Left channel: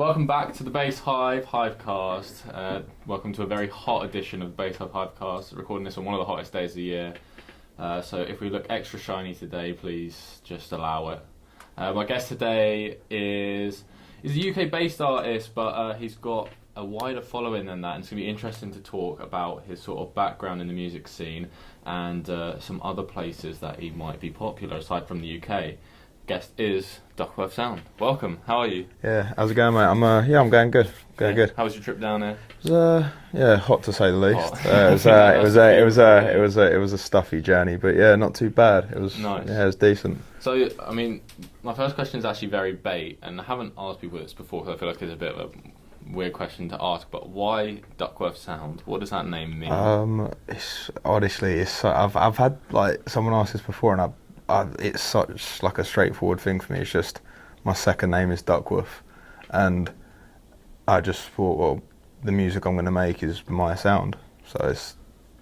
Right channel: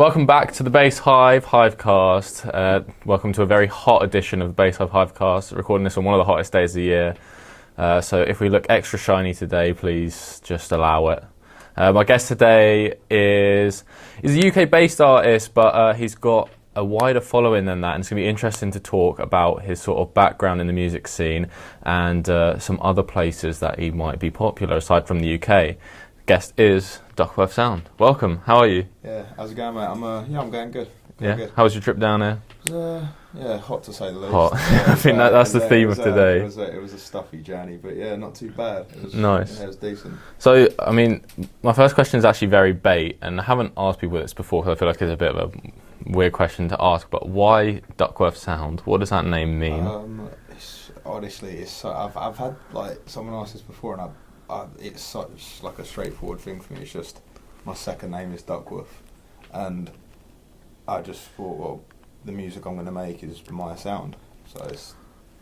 Welcome back to the Bass Hive HiveCast. Welcome to a very hot edition of the Bass Hive HiveCast. Recording this on one of the hottest days of the year. So if we look extra shiny today, please just allow it. My guest today is a UK-based artist, but he's got a wider following than that, and it's going to be interesting to talk about his sort of background in the music scene and some other places that he might be popular aside from the UK. Guest is Duckworthsound. Welcome. How are you? Yeah, how's it going, mate? I'm going good. Good. How was your trip down there? It was, hot to say the least. Hot. I think that's the theme of today. It was a stuffy journey, but yeah, not too bad. It was nice. Yeah, it was decent. So, I mean, my first question is actually very bait, and I haven't asked people this before, so I feel like it's a bit of a weird question to ask. But why Duckworthsound? What does that name mean? I've had like someone ask this before, and it's such like a straightforward thing for me. It's just my second name is Duckworth, and I just thought, well, the music I'm going to make is my sound, so it's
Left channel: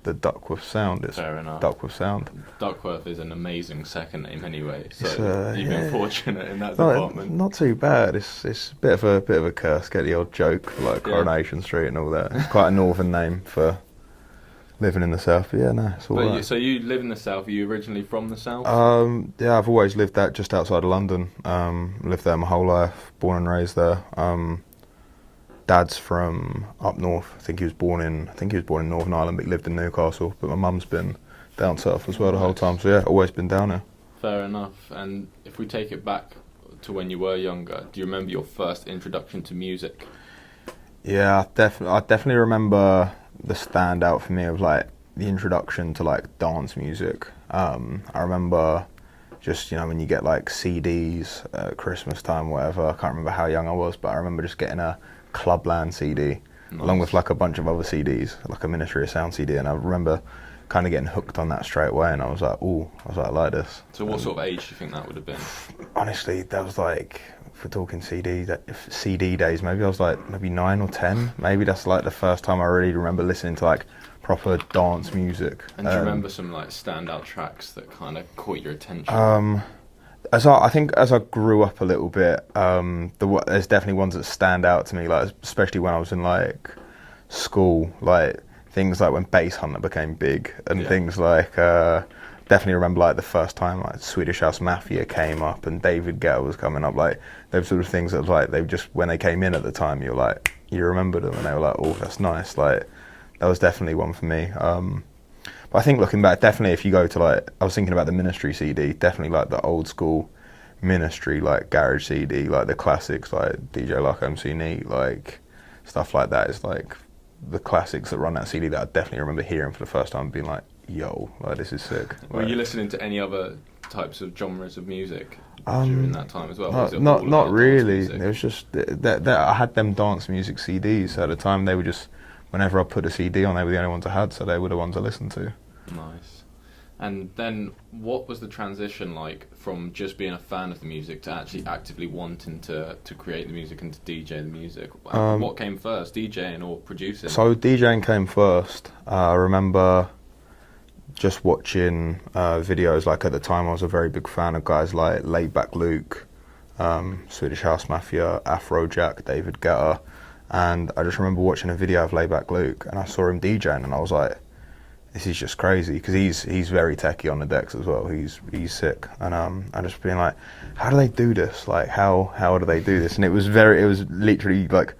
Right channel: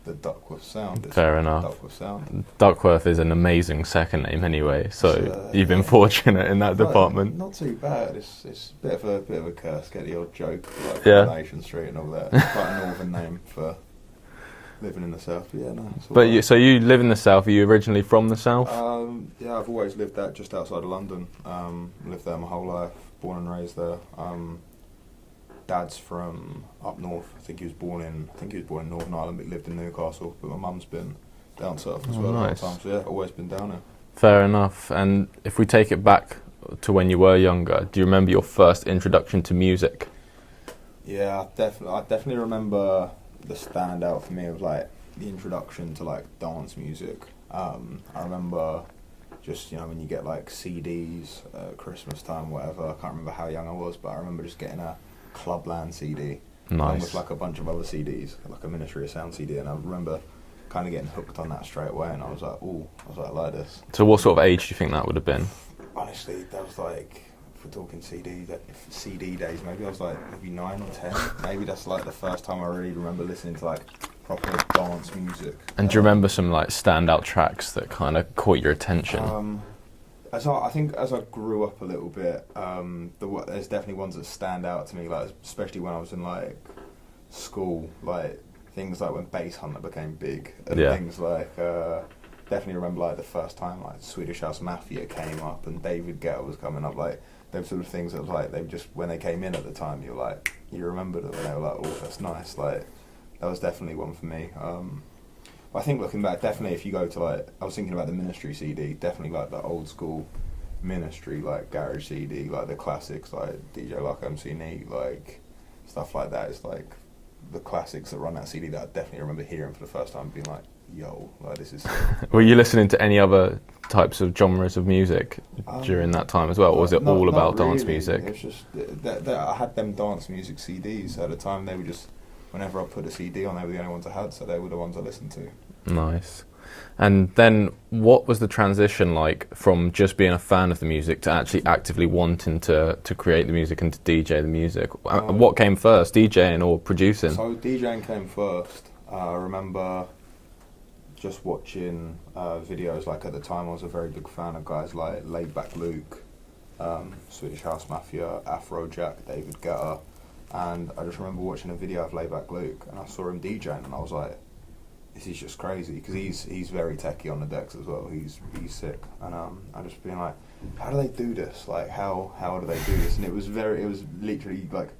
the Duckworth sound. It's fair enough. Duckworth sound. Duckworth is an amazing second name anyway, so you've been fortunate in that department. Not too bad. It's a bit of a curse. Get the odd joke like Coronation Street and all that. It's quite a northern name for living in the south, but yeah, no, it's all right. So you live in the south. Are you originally from the south? Yeah, I've always lived just outside of London. Lived there my whole life. Born and raised there. Dad's from up north. I think he was born in Northern Ireland, but he lived in Newcastle. But my mum's been down south as well the whole time. So yeah, always been down here. Fair enough. And if we take it back to when you were younger, do you remember your first introduction to music? Yeah, I definitely remember the standout for me of like the introduction to like dance music. I remember just, when you get like CDs at Christmas time, whatever. I can't remember how young I was, but I remember just getting a Clubland CD along with like a bunch of other CDs, like a Ministry of Sound CD, and I remember kind of getting hooked on that straight away, and I was like, I like this. So what sort of age do you think that would have been? Honestly, that was like, if we're talking CD days, maybe I was like maybe 9 or 10. Maybe that's like the first time I really remember listening to like proper dance music. And do you remember some like standout tracks that kind of caught your attention? I think as I grew up a little bit, there's definitely ones that stand out to me, like especially when I was in like school, like things like when Bass Hunter became big, and things like definitely remember like the first time like Swedish House Mafia came up and David Guetta was coming up, like those sort of things that like they just when they came in at the time, you remember them and they were like, oh, that's nice. Like that was definitely one for me. But I think looking back, definitely if you go to like, I was thinking about the Ministry CD, definitely like the old school Ministry, like garage CD, like the classics, like DJ Luck, MC Neat, like stuff like that is like the classics that run that CD that I definitely remember hearing for the first time, being like, yo, like this is sick. Were you listening to any other types of genres of music during that time as well, or was it all about dance music? It was just that I had them dance music CDs at the time. They were just, whenever I put a CD on, they were the only ones I had, so they were the ones I listened to. Nice. And then what was the transition like from just being a fan of the music to actually actively wanting to create the music and to DJ the music? What came first, DJing or producing? So DJing came first. I remember just watching videos, like at the time I was a very big fan of guys like Laidback Luke, Swedish House Mafia, Afrojack, David Guetta. And I just remember watching a video of Laidback Luke, and I saw him DJing, and I was like, "This is just crazy," because he's very techie on the decks as well. He's sick, and I just being like, "How do they do this? Like, how do they do this?" And it was literally like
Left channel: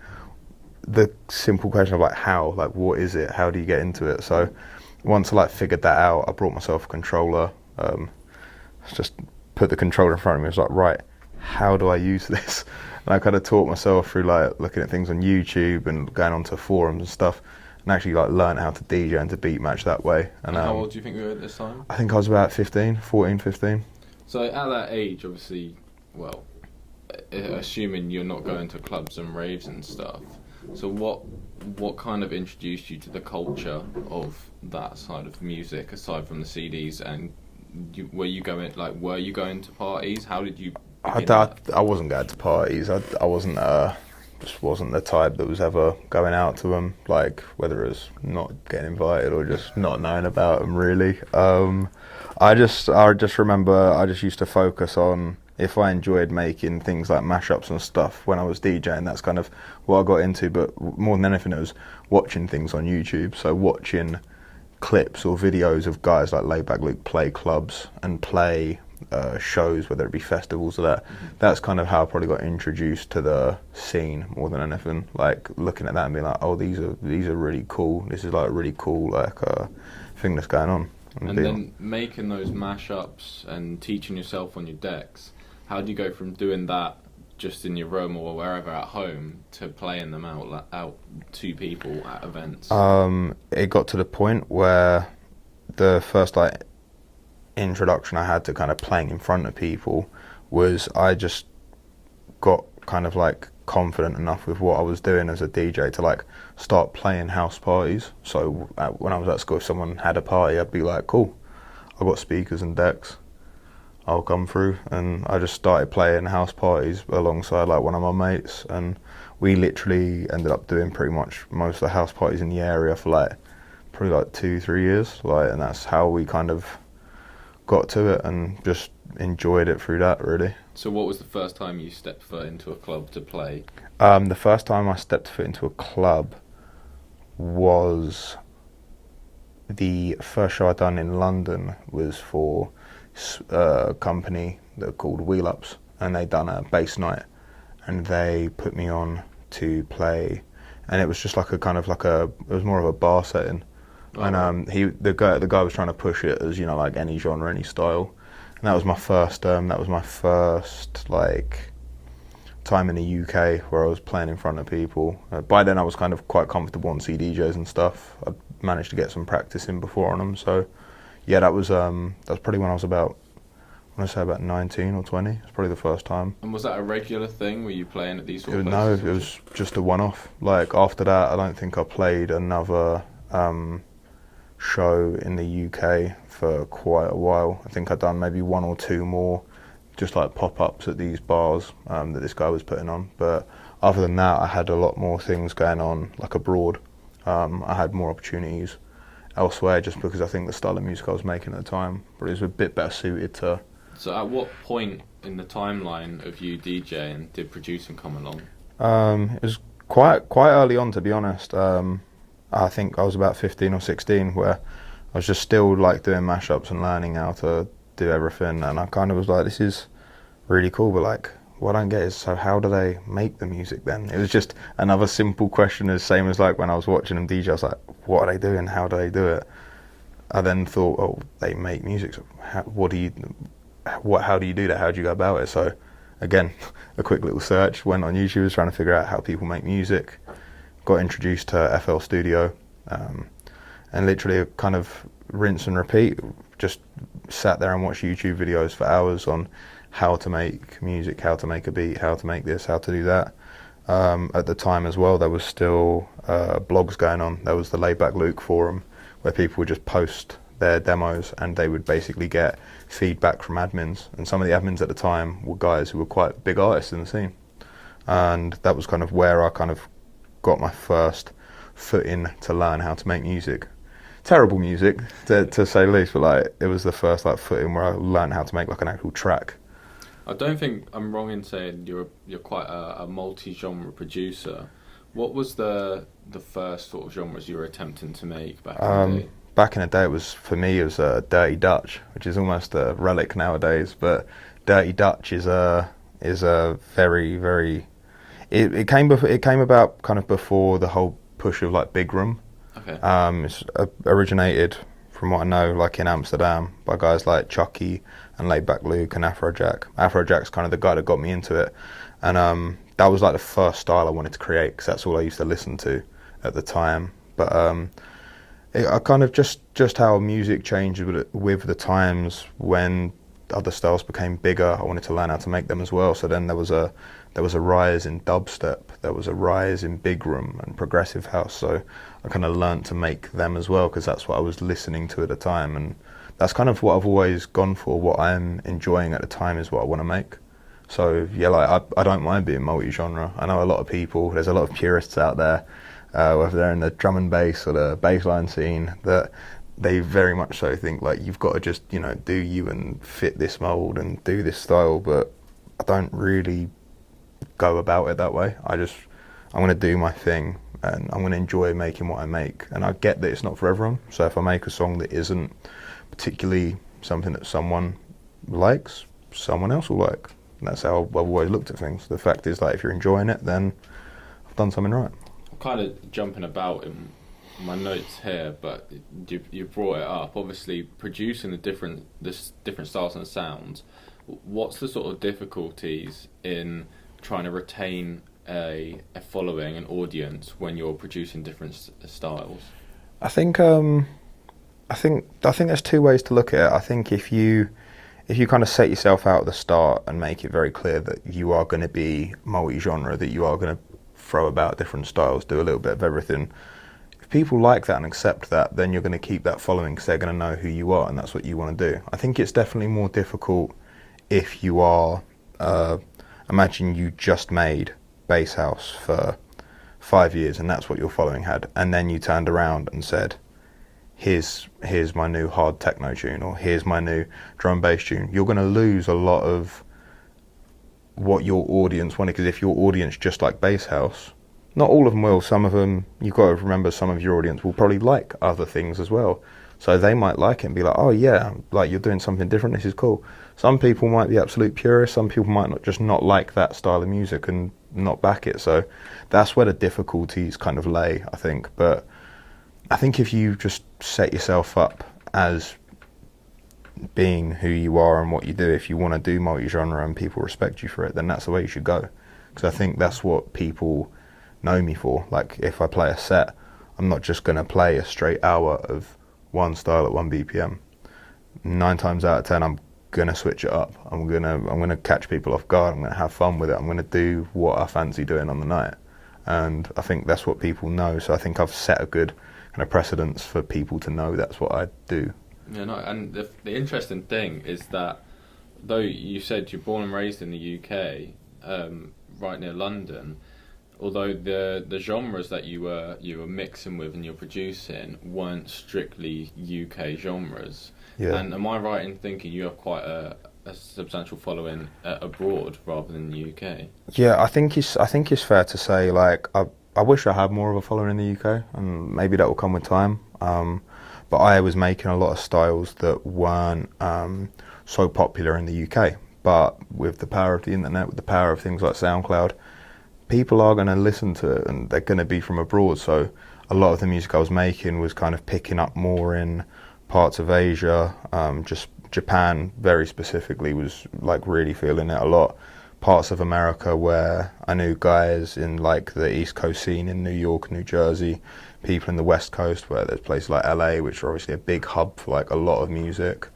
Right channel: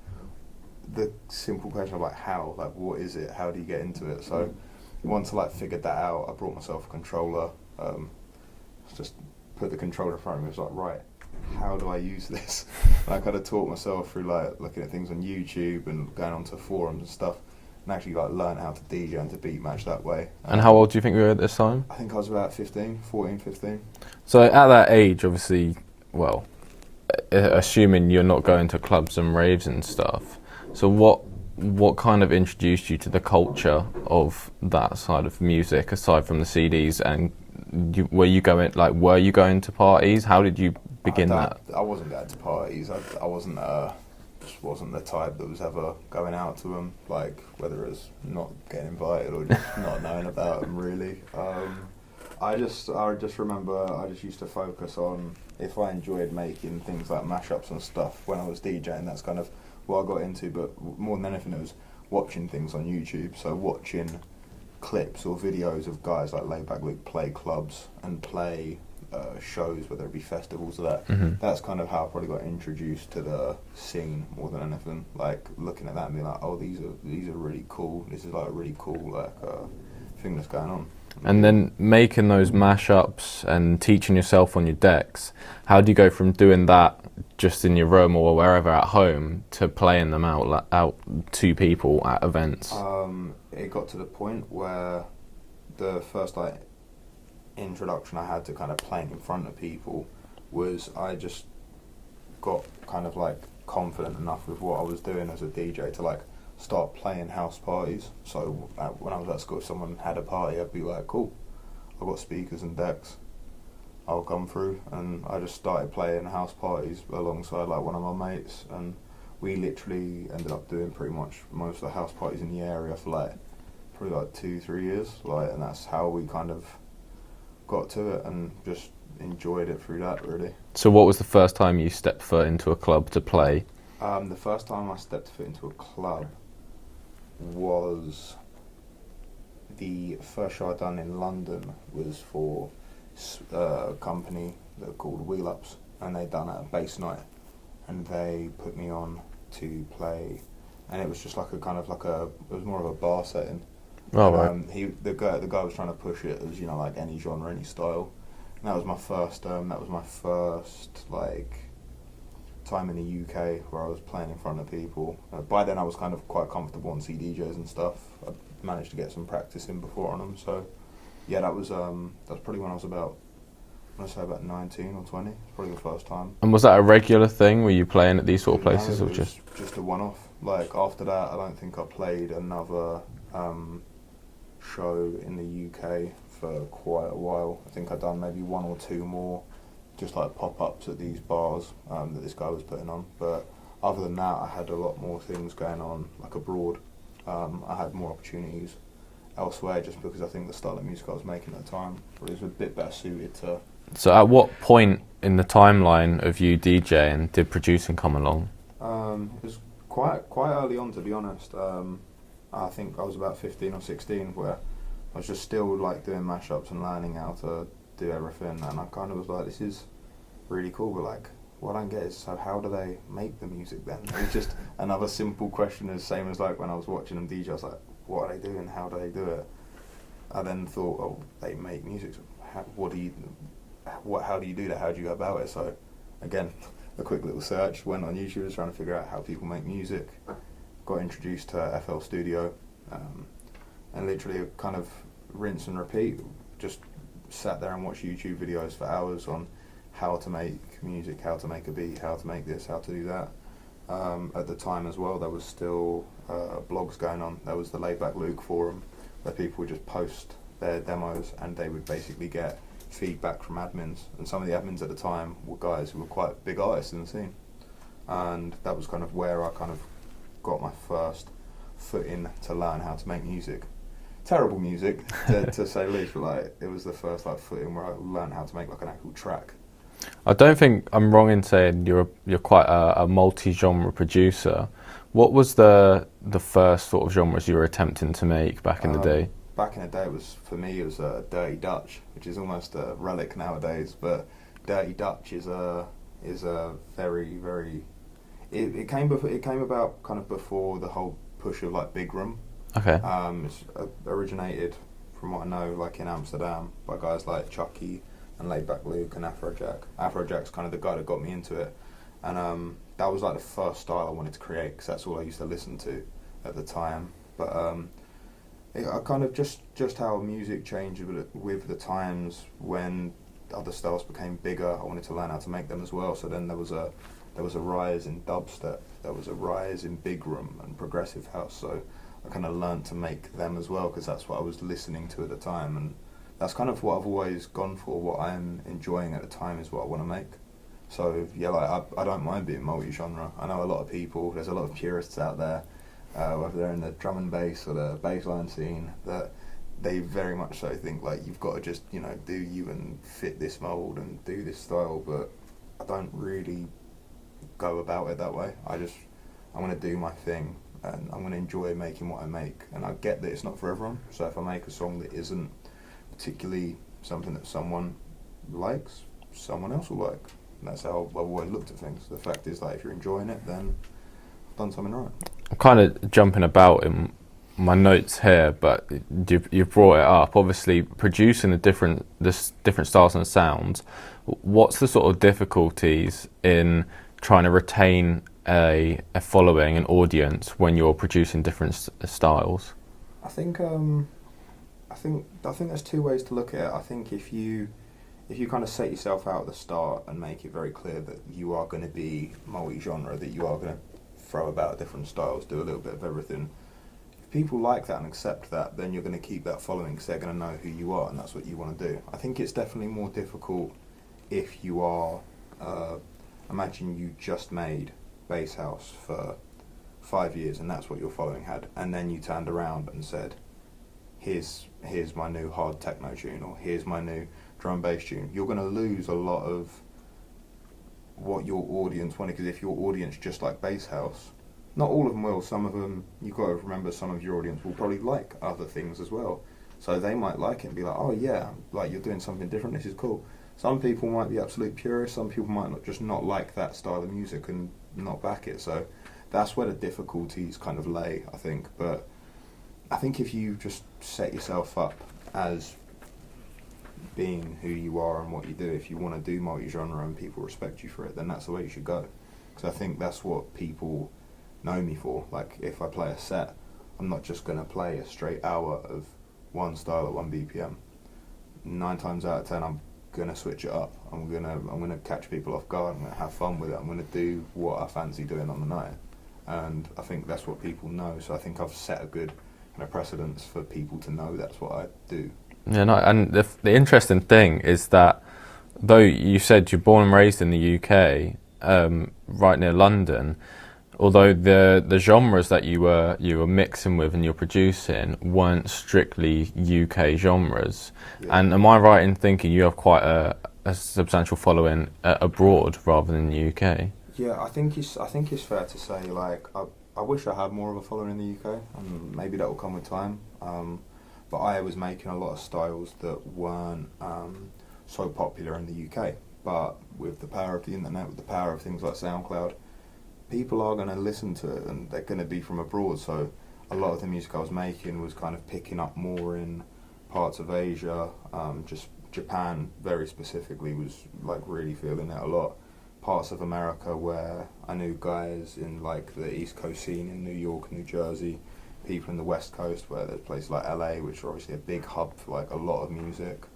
the simple question of like, how, like, what is it? How do you get into it? So once I like figured that out, I brought myself a controller. Just put the controller in front of me. I was like, right, how do I use this? And I kind of taught myself through like looking at things on YouTube and going onto forums and stuff, and actually like learned how to DJ and to beat match that way. And how old do you think you were at this time? I think I was about 14, 15. So at that age, obviously, well, assuming you're not going to clubs and raves and stuff, so what kind of introduced you to the culture of that side of music aside from the CDs? And were you going to parties? How did you begin that? I wasn't going to parties. I wasn't just wasn't the type that was ever going out to them, like whether it was not getting invited or just not knowing about them really. I just remember I just used to focus on if I enjoyed making things like mashups and stuff when I was DJing, that's kind of what I got into. But more than anything, it was watching things on YouTube. So watching clips or videos of guys like Laidback Luke play clubs and play shows, whether it be festivals or that. That's kind of how I probably got introduced to the scene more than anything. Like looking at that and being like, oh, these are really cool. This is like a really cool thing that's going on. And then making those mashups and teaching yourself on your decks, how do you go from doing that just in your room or wherever at home to playing them out to people at events? It got to the point where the first like introduction I had to kind of playing in front of people was I just got kind of like confident enough with what I was doing as a DJ to like start playing house parties. So when I was at school, if someone had a party, I'd be like, cool, I've got speakers and decks, I'll come through. And I just started playing house parties alongside like one of my mates, and we literally ended up doing pretty much most of the house parties in the area for like probably like 2-3 years, like, and that's how we kind of got to it and just enjoyed it through that, really. So what was the first time you stepped foot into a club to play? The first time I stepped foot into a club was the first show I'd done in London was for a company that called Wheel Ups, and they'd done a bass night, and they put me on to play, and it was just like a kind of like it was more of a bar setting. Oh, and right. the guy was trying to push it as, you know, like any genre, any style. And that was my first like time in the UK where I was playing in front of people. By then I was kind of quite comfortable on CDJs and stuff. I managed to get some practice in before on them. So yeah, that was probably when I was about 19 or 20. It's probably the first time. And was that a regular thing? Were you playing at these sort of places? No, it was just a one-off. Like after that, I don't think I played another show in the UK for quite a while. I think I'd done maybe 1 or 2 more, just like pop-ups at these bars that this guy was putting on. But other than that, I had a lot more things going on, like abroad. I had more opportunities elsewhere, just because I think the style of music I was making at the time was a bit better suited to. So at what point in the timeline of you DJing did producing come along? It was quite early on, to be honest. I think I was about 15 or 16, where I was just still like doing mashups and learning how to do everything, and I kind of was like, this is really cool, but like what I don't get is, so how do they make the music then? It was just another simple question, as same as like when I was watching them DJ, I was like, what are they doing? How do they do it? I then thought, oh, they make music, so how do you do that? How do you go about it? So again, a quick little search, went on YouTube, was trying to figure out how people make music. Got introduced to FL Studio, and literally kind of rinse and repeat. Just sat there and watched YouTube videos for hours on how to make music, how to make a beat, how to make this, how to do that. At the time as well, there was still blogs going on. There was the Laidback Luke forum, where people would just post their demos, and they would basically get feedback from admins. And some of the admins at the time were guys who were quite big artists in the scene. And that was kind of where I kind of got my first foot in to learn how to make music. Terrible music, to say the least, but like it was the first like foot in where I learned how to make like an actual track. I don't think I'm wrong in saying you're quite a multi-genre producer. What was the first sort of genres you were attempting to make back in the day? Back in the day, for me, it was Dirty Dutch, which is almost a relic nowadays. But Dirty Dutch is a very, very. It came about kind of before the whole push of like big room. Okay. It's originated, from what I know, like in Amsterdam by guys like Chucky and Laidback Luke and Afrojack. Afrojack's kind of the guy that got me into it, and that was like the first style I wanted to create, because that's all I used to listen to at the time. But I kind of just how music changed with the times. When other styles became bigger, I wanted to learn how to make them as well. So then there was a rise in dubstep, there was a rise in big room and progressive house. So I kind of learned to make them as well, because that's what I was listening to at the time, and that's kind of what I've always gone for. What I'm enjoying at the time is what I want to make. So yeah, like I don't mind being multi-genre. I know a lot of people, there's a lot of purists out there, whether they're in the drum and bass or the bassline scene, that they very much so think like you've got to just, you know, do you and fit this mold and do this style. But I don't really go about it that way. I'm going to do my thing, and I'm going to enjoy making what I make. And I get that it's not for everyone. So if I make a song that isn't particularly something that someone likes, someone else will like. And that's how I've always looked at things. The fact is, like, if you're enjoying it, then I've done something right. I'm kind of jumping about in my notes here, but you've brought it up. Obviously, producing the different styles and sounds. What's the sort of difficulties in trying to retain a following, an audience, when you're producing different styles? I think there's two ways to look at it. I think if you kind of set yourself out at the start and make it very clear that you are going to be multi-genre, that you are going to throw about different styles, do a little bit of everything. If people like that and accept that, then you're going to keep that following because they're going to know who you are and that's what you want to do. I think it's definitely more difficult if you are, imagine you just made bass house for 5 years and that's what your following had, and then you turned around and said, here's my new hard techno tune, or here's my new drum bass tune. You're going to lose a lot of what your audience wanted, because if your audience just like bass house, not all of them will, some of them, you've got to remember, some of your audience will probably like other things as well. So they might like it and be like, oh yeah, like you're doing something different, this is cool. Some people might be absolute purists, some people might not like that style of music and not back it. So that's where the difficulties kind of lay, I think. But I think if you just set yourself up as being who you are and what you do, if you want to do multi-genre and people respect you for it, then that's the way you should go. Because I think that's what people know me for. Like, if I play a set, I'm not just going to play a straight hour of one style at 1 BPM. 9 times out of 10, I'm going to switch it up. I'm going to catch people off guard. I'm going to have fun with it. I'm going to do what I fancy doing on the night. And I think that's what people know. So I think I've set a good kind of precedence for people to know that's what I do. Yeah, no, and the interesting thing is that, though you said you're born and raised in the UK, right near London, although the genres that you were mixing with and you're producing weren't strictly UK genres. Yeah. And am I right in thinking you have quite a substantial following abroad rather than the UK? Yeah, I think it's fair to say, like, I wish I had more of a following in the UK, and maybe that will come with time. But I was making a lot of styles that weren't so popular in the UK. But with the power of the internet, with the power of things like SoundCloud, people are going to listen to it and they're going to be from abroad. So a lot of the music I was making was kind of picking up more in parts of Asia. Just Japan very specifically was like really feeling it a lot. Parts of America where I knew guys in like the East Coast scene in New York, New Jersey, people in the West Coast where there's places like LA, which are obviously a big hub for like a lot of music.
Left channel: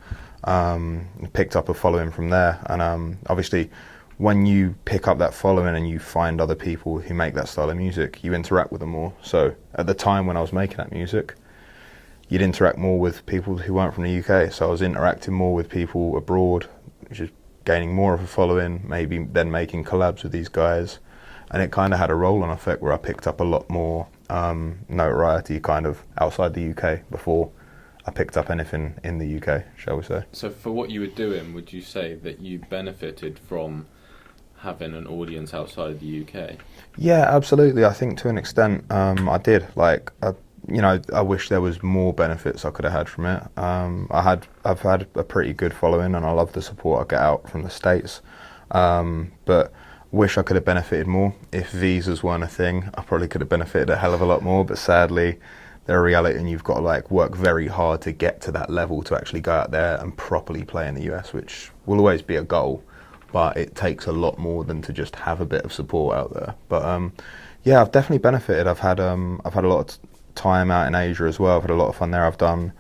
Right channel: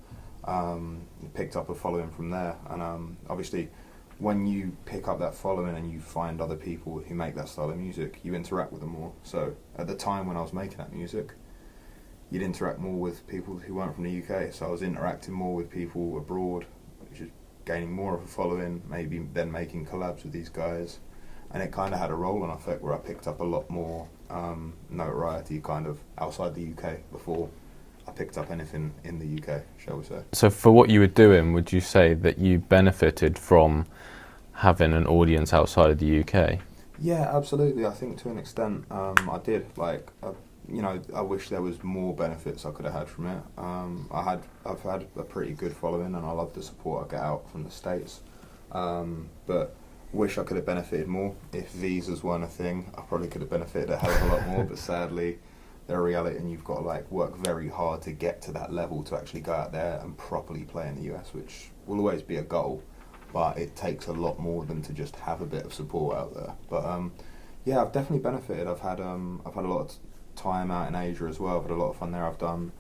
Picked up a following from there, and obviously when you pick up that following and you find other people who make that style of music, you interact with them more. So at the time when I was making that music, you'd interact more with people who weren't from the UK, so I was interacting more with people abroad, which is gaining more of a following, maybe then making collabs with these guys, and it kind of had a roll-on effect where I picked up a lot more notoriety kind of outside the UK before I picked up anything in the UK, shall we say. So for what you were doing, would you say that you benefited from having an audience outside of the UK? Yeah, absolutely. I think to an extent I did. Like, I wish there was more benefits I could have had from it. I've had a pretty good following and I love the support I get out from the States. But wish I could have benefited more. If visas weren't a thing, I probably could have benefited a hell of a lot more, but sadly they're a reality and you've got to like work very hard to get to that level to actually go out there and properly play in the US, which will always be a goal, but it takes a lot more than to just have a bit of support out there. But yeah, I've definitely benefited. I've had a lot of time out in Asia as well. I've had a lot of fun there. I've done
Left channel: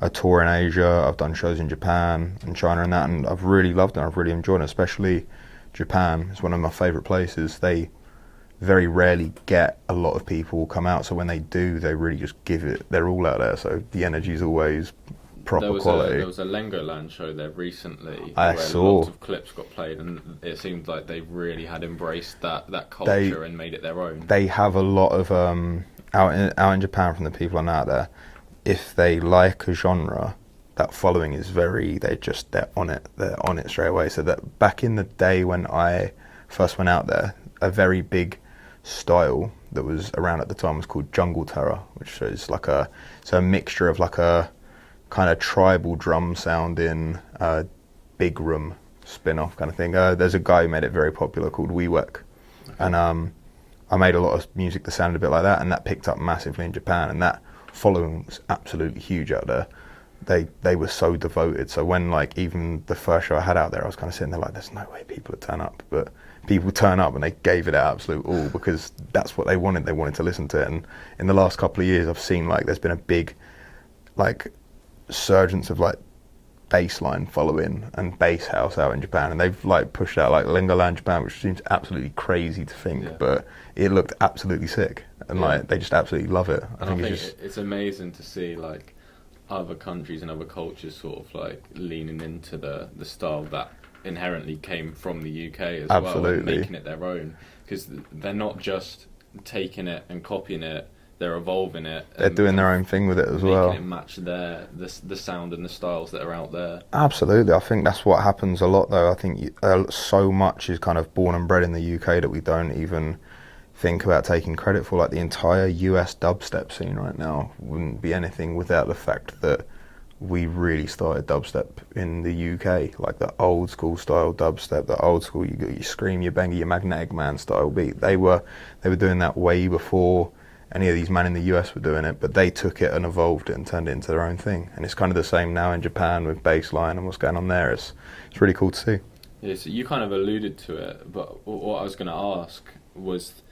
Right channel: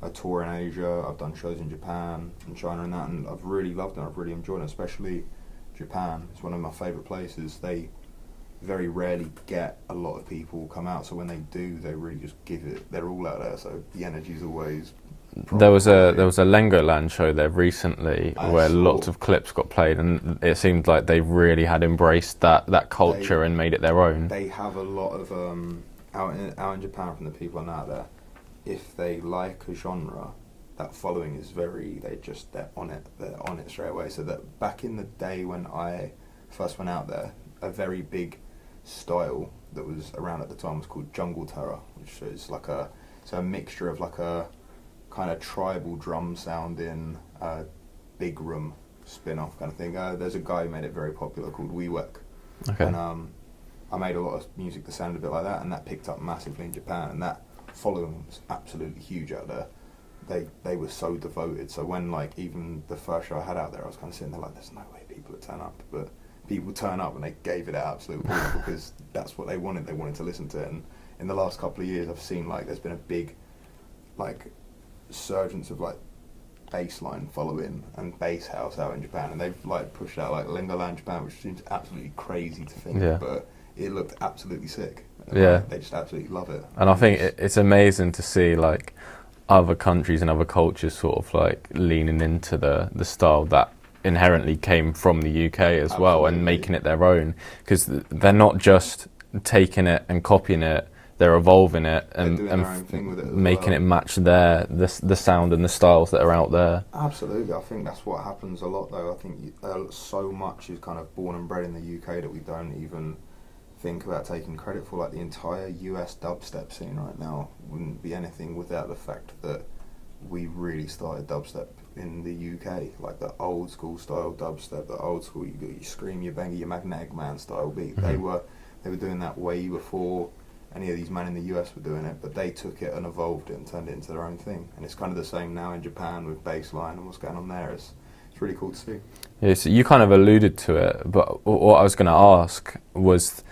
a tour in Asia, I've done shows in Japan and China and that, and I've really loved it. I've really enjoyed it, especially Japan is one of my favourite places. They very rarely get a lot of people come out, so when they do, they really just give it their all out there. So the energy's always proper. There was a Legoland show there recently where lots of clips got played, and it seemed like they really had embraced that culture and made it their own. They have a lot of out in Japan, from the people I know out there. If they like a genre, that following is they're on it straight away. So that back in the day when I first went out there, a very big style that was around at the time was called jungle terror, which is like a mixture of like a kind of tribal drum sounding big room spin-off kind of thing. There's a guy who made it very popular called WeWork, and I made a lot of music that sounded a bit like that, and that picked up massively in Japan, and that following was absolutely huge out there. They were so devoted. So when like even the first show I had out there, I was kind of sitting there like, there's no way people would turn up, but people turn up and they gave it our absolute all because that's what they wanted. They wanted to listen to it. And in the last couple of years, I've seen like there's been a big like surgence of like bassline following and bass house out in Japan, and they've like pushed out like Lingoland Japan, which seems absolutely crazy to think, but it looked absolutely sick, and like, they just absolutely love it. And I think it's amazing to see like other countries and other cultures sort of like leaning into the style that inherently came from the UK as well, and making it their own, because they're not just taking it and copying it, they're evolving it. They're doing their own thing with it as well. Making it match the sound and the styles that are out there. Absolutely. I think that's what happens a lot though. I think so much is kind of born and bred in the UK that we don't even think about taking credit for. Like the entire US dubstep scene right now wouldn't be anything without the fact that we really started dubstep in the UK, like the old school style dubstep, the old school you scream, you bang, your Magnetic Man style beat. They were doing that way before any of these men in the US were doing it, but they took it and evolved it and turned it into their own thing. And it's kind of the same now in Japan with bassline and what's going on there. It's really cool to see. Yeah, so you kind of alluded to it, but what I was going to ask was,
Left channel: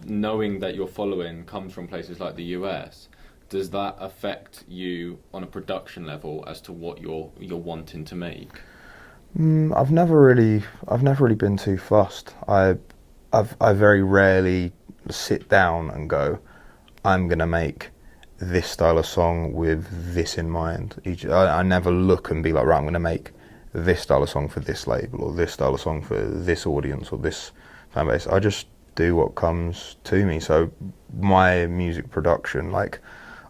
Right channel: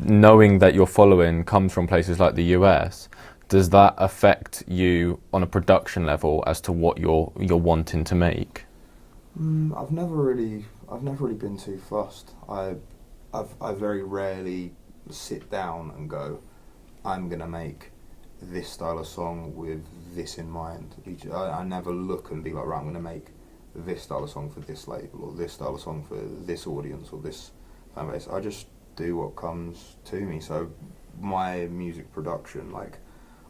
knowing that your following comes from places like the US, does that affect you on a production level as to what you're wanting to make? I've never really been too fussed. I very rarely sit down and go, I'm gonna make this style of song with this in mind. I never look and be like, right, I'm gonna make this style of song for this label, or this style of song for this audience, or this fan base. I just do what comes to me. So my music production, like,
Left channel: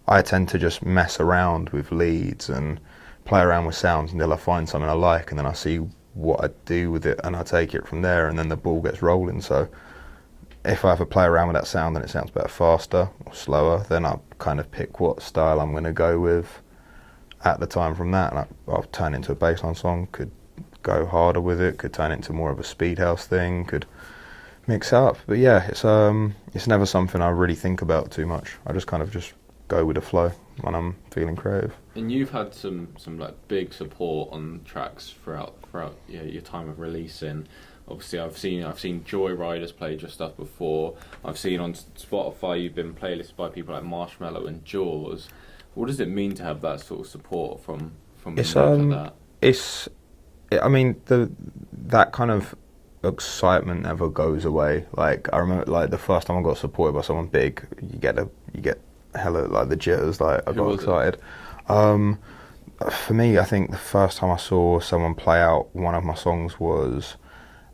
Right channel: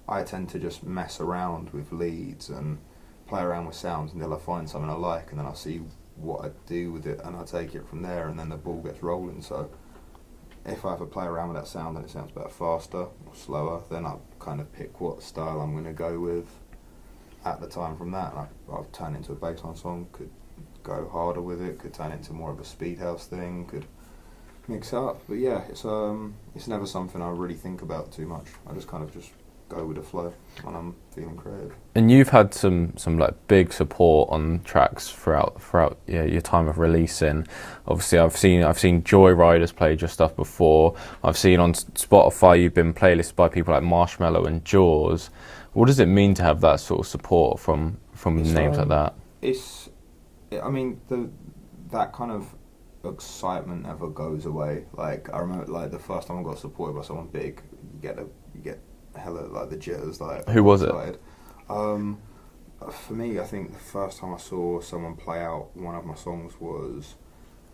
I tend to just mess around with leads and play around with sounds until I find something I like, and then I see what I do with it, and I take it from there, and then the ball gets rolling. So if I ever play around with that sound and it sounds better faster or slower, then I'll kind of pick what style I'm going to go with at the time from that, and I'll turn it into a bassline song, could go harder with it, could turn it into more of a speed house thing, could mix up. But yeah, it's never something I really think about too much. I just kind of just go with the flow when I'm feeling creative. And you've had some like big support on tracks throughout your time of releasing. Obviously, I've seen Joyriders played your stuff before. I've seen on Spotify you've been playlisted by people like Marshmello and Jaws. What does it mean to have that sort of support from names like that? That kind of excitement never goes away. Like, I remember, like, the first time I got supported by someone big, you get hella like the jitters. Like, who was excited. It? For me, I think the first time I saw someone play out one of my songs was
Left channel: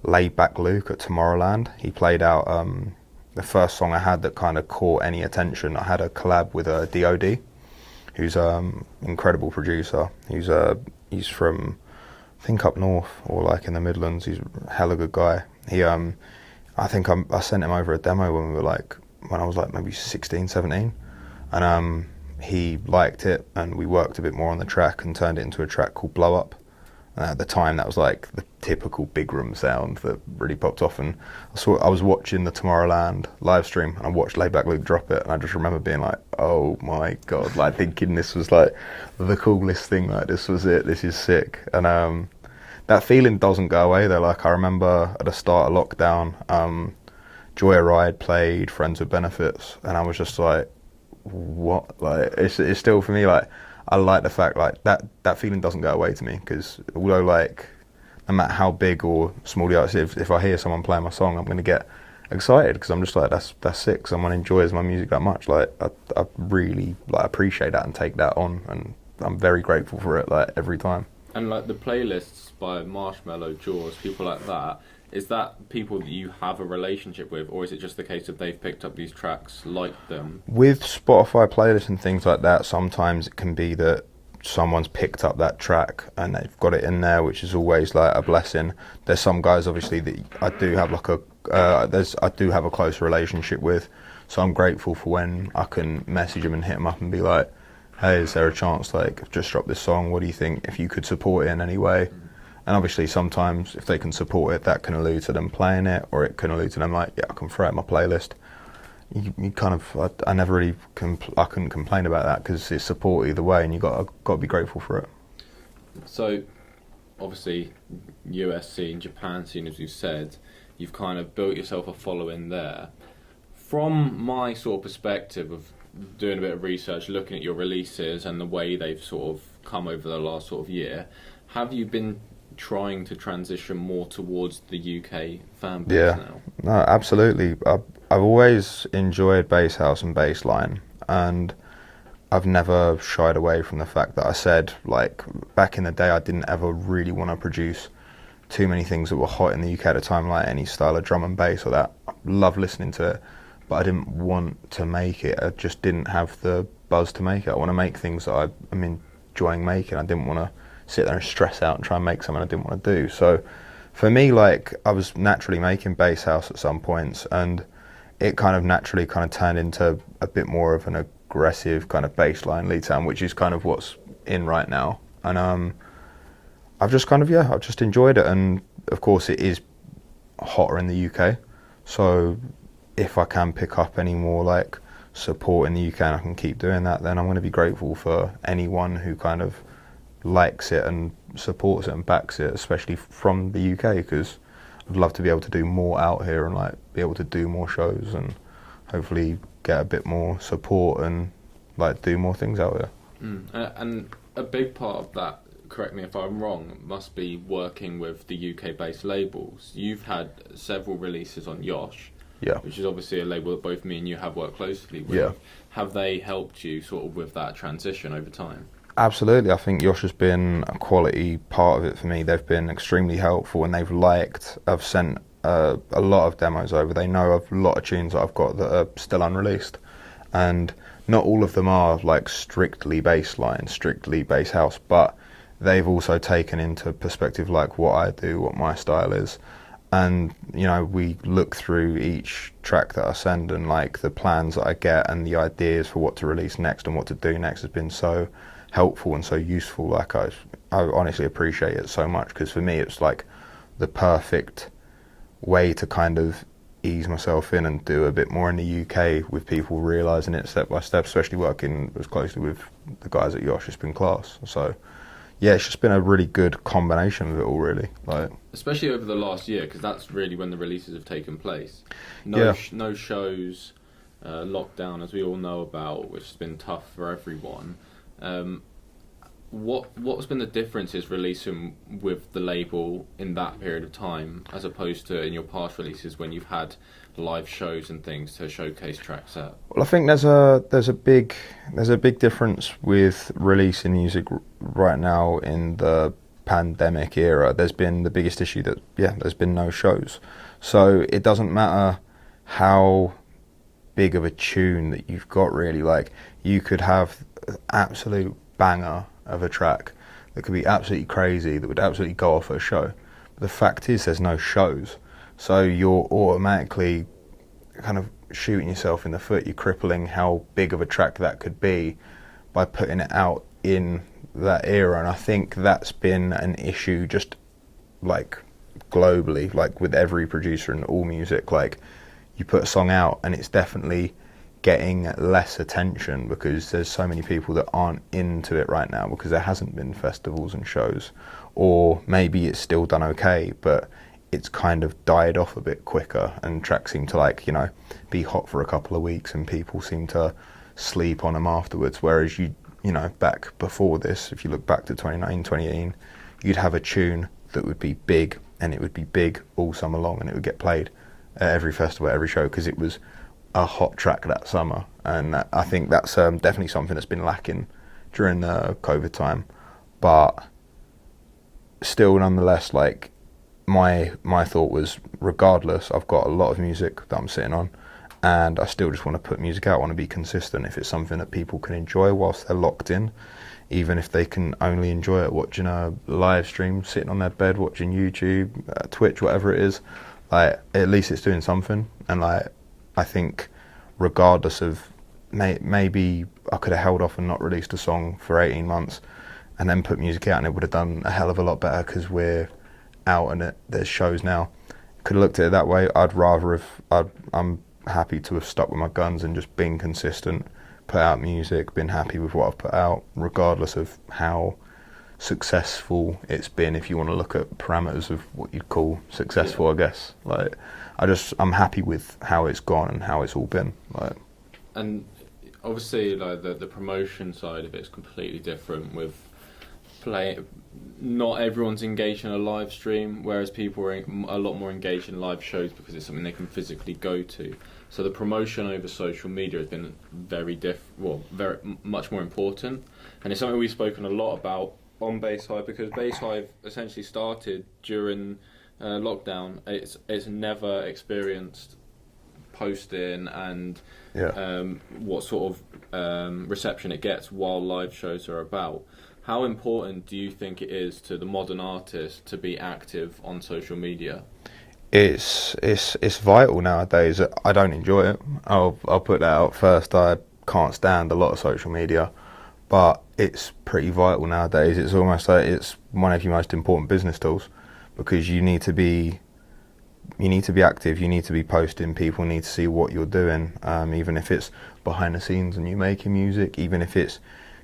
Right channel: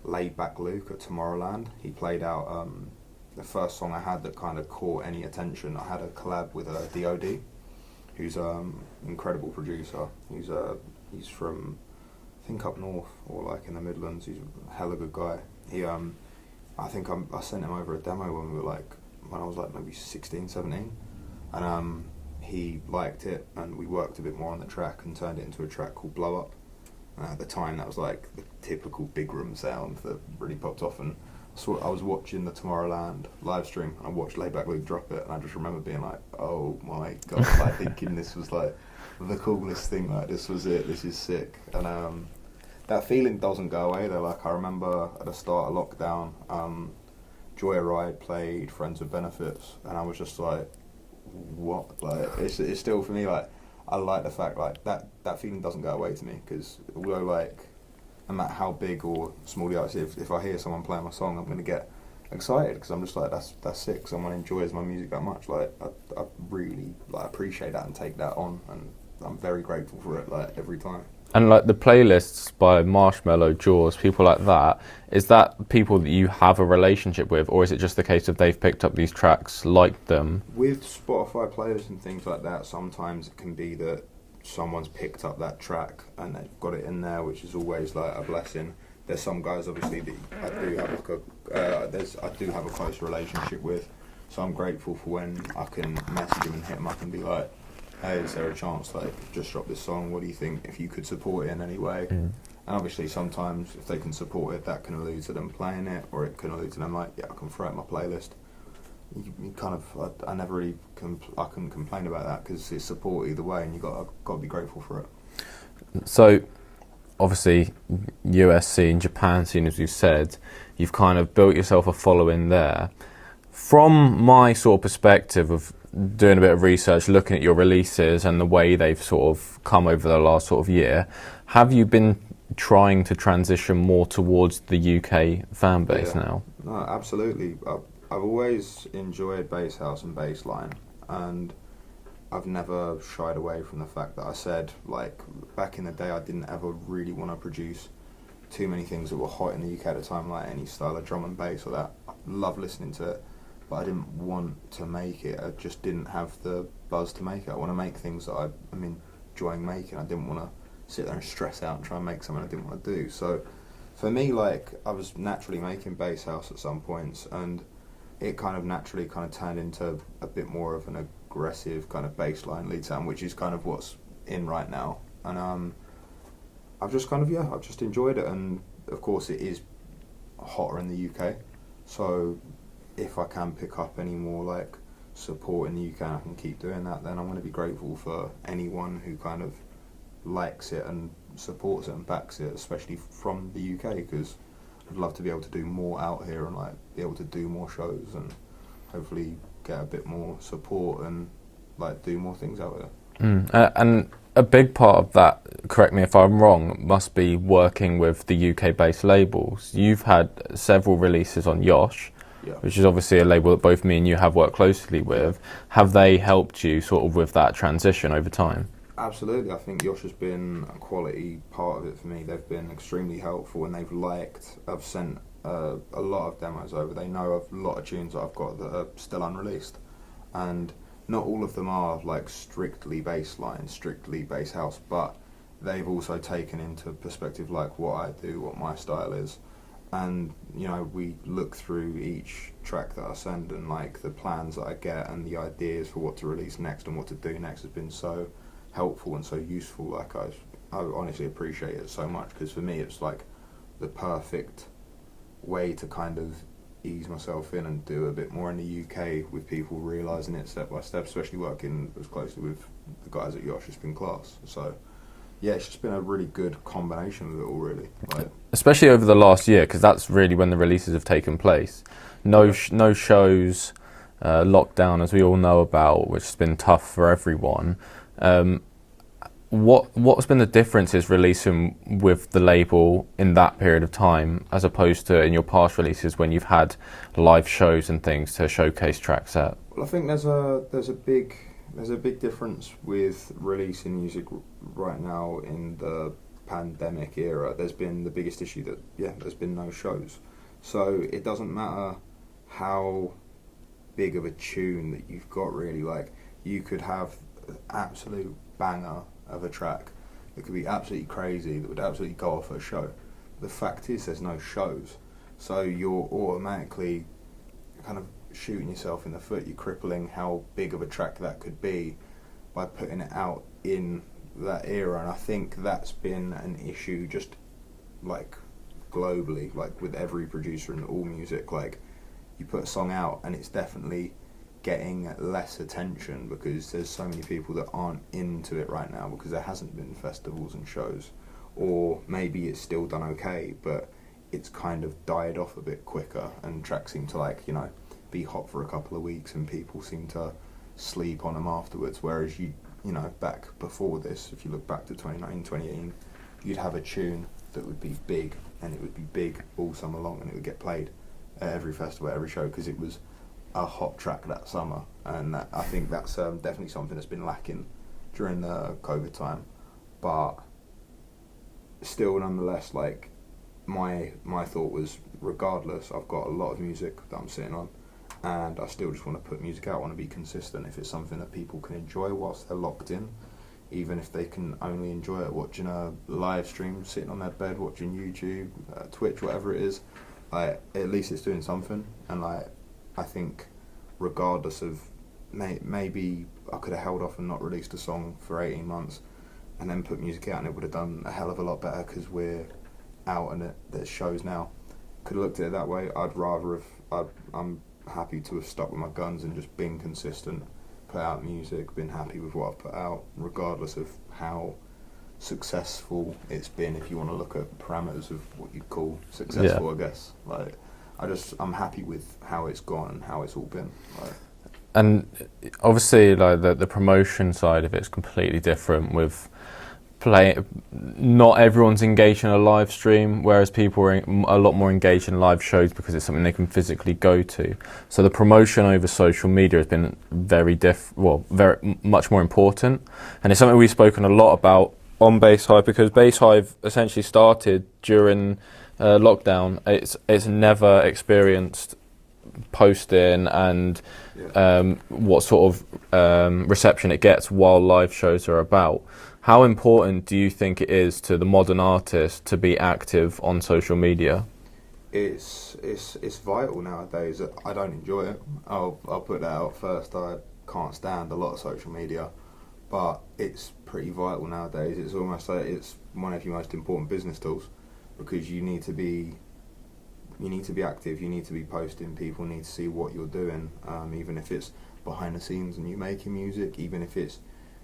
Laid Back Luke at Tomorrowland. He played out the first song I had that kind of caught any attention. I had a collab with DOD, who's incredible producer. He's from, I think, up north or like in the Midlands. He's a hella good guy. I think I sent him over a demo when I was like maybe 16, 17, and he liked it, and we worked a bit more on the track and turned it into a track called Blow Up. And at the time, that was like the typical big room sound that really popped off. And I was watching the Tomorrowland live stream, and I watched Layback Luke drop it, and I just remember being like, oh my God, like thinking this was like the coolest thing, like this was it, this is sick. And that feeling doesn't go away though. Like, I remember at the start of lockdown, Joyride played Friends with Benefits, and I was just like, what? Like, it's still, for me, like, I like the fact like that feeling doesn't go away to me, because although, like, no matter how big or small the artist is, if I hear someone playing my song, I'm going to get excited, because I'm just like, that's sick. Someone enjoys my music that much. Like, I really like appreciate that and take that on, and I'm very grateful for it, like, every time. And like the playlists by Marshmello, Jaws, people like that, is that people that you have a relationship with, or is it just the case of they've picked up these tracks, liked them? With Spotify playlists and things like that, sometimes it can be that someone's picked up that track and they've got it in there, which is always like a blessing. There's some guys obviously that I do have like I do have a close relationship with, so I'm grateful for when I can message them and hit them up and be like, hey, is there a chance, like, I've just dropped this song, what do you think, if you could support it in any way? And obviously sometimes if they can support it, that can allude to them playing it, or it can allude to them like, yeah, I can throw it in my playlist. You kind of, I never really, I couldn't complain about that because it's support either way, and you got to be grateful for it. So, obviously, US scene, Japan scene, as you said, you've kind of built yourself a following there. From my sort of perspective of doing a bit of research, looking at your releases and the way they've sort of come over the last sort of year, have you been trying to transition more towards the UK fan base now? No, absolutely. I've always enjoyed bass house and bass line, and I've never shied away from the fact that I said, like, back in the day I didn't ever really want to produce too many things that were hot in the UK at the time, like any style of drum and bass or that. I love listening to it, but I didn't want to make it. I just didn't have the buzz to make it. I want to make things that I'm enjoying making. I didn't want to sit there and stress out and try and make something I didn't want to do. So for me, like, I was naturally making bass house at some points, and it kind of naturally kind of turned into a bit more of an aggressive kind of bass line lead sound, which is kind of what's in right now. And I've just kind of, I've just enjoyed it. And of course it is hotter in the UK, so if I can pick up any more like support in the UK and I can keep doing that, then I'm going to be grateful for anyone who kind of likes it and supports it and backs it, especially from the UK, because I'd love to be able to do more out here and like be able to do more shows and hopefully get a bit more support and like do more things out here. And a big part of that, correct me if I'm wrong, must be working with the UK-based labels. You've had several releases on Yosh, which is obviously a label that both me and you have worked closely with. Yeah. Have they helped you sort of with that transition over time? Absolutely. I think Yosh has been a quality part of it for me. They've been extremely helpful, and they've liked. I've sent a lot of demos over. They know of a lot of tunes that I've got that are still unreleased, and not all of them are like strictly bass line, strictly bass house, but they've also taken into perspective like what I do, what my style is. And, you know, we look through each track that I send, and like the plans that I get and the ideas for what to release next and what to do next has been so helpful and so useful. Like I honestly appreciate it so much, because for me it's like the perfect way to kind of ease myself in and do a bit more in the UK with people realising it step by step, especially working as closely with the guys at Yosh. It's been class. So yeah, it's just been a really good combination of it all, really. Like, especially over the last year, because that's really when the releases have taken place. No shows, lockdown, as we all know about, which has been tough for everyone. What's been the differences releasing with the label in that period of time, as opposed to in your past releases when you've had live shows and things to showcase tracks at? Well, I think there's a big difference with releasing music right now in the pandemic era. There's been the biggest issue that there's been no shows, so it doesn't matter how big of a tune that you've got, really. Like, you could have an absolute banger of a track that could be absolutely crazy, that would absolutely go off at a show. But the fact is there's no shows, so you're automatically kind of shooting yourself in the foot. You're crippling how big of a track that could be by putting it out in that era. And I think that's been an issue just like globally, like with every producer in all music. Like, you put a song out and it's definitely getting less attention because there's so many people that aren't into it right now because there hasn't been festivals and shows, or maybe it's still done okay but it's kind of died off a bit quicker, and tracks seem to, like, you know, be hot for a couple of weeks and people seem to sleep on them afterwards. Whereas you know, back before this, if you look back to 2019, 2018, you'd have a tune that would be big, and it would be big all summer long, and it would get played at every festival, every show, because it was a hot track that summer. And I think that's definitely something that's been lacking during the COVID time. But still, nonetheless, like, my thought was, regardless, I've got a lot of music that I'm sitting on, and I still just want to put music out. I want to be consistent. If it's something that people can enjoy whilst they're locked in even if they can only enjoy it watching a live stream, sitting on their bed watching YouTube, Twitch, whatever it is. Like, at least it's doing something. And like, I think regardless of maybe I could have held off and not released a song for 18 months and then put music out, and it would have done a hell of a lot better because we're out and there's shows now. Could have looked at it that way. I'm happy to have stuck with my guns and just been consistent, put out music, been happy with what I've put out, regardless of how successful it's been, if you want to look at parameters of what you'd call successful, I guess. Like, I'm happy with how it's gone and how it's all been. Like, and obviously, like the promotion side of it is completely different with not everyone's engaged in a live stream, whereas people are a lot more engaged in live shows because it's something they can physically go to. So the promotion over social media has been very much more important, and it's something we've spoken a lot about on Bass Hive, because Bass Hive essentially started during lockdown. It's never experienced posting and what sort of reception it gets while live shows are about. How important do you think it is to the modern artist to be active on social media? It's vital nowadays. I don't enjoy it. I'll put that out first. I can't stand a lot of social media, but it's pretty vital nowadays. It's almost like it's one of your most important business tools, because you need to be active. You need to be posting. People need to see what you're doing, even if it's behind the scenes and you making music, even if it's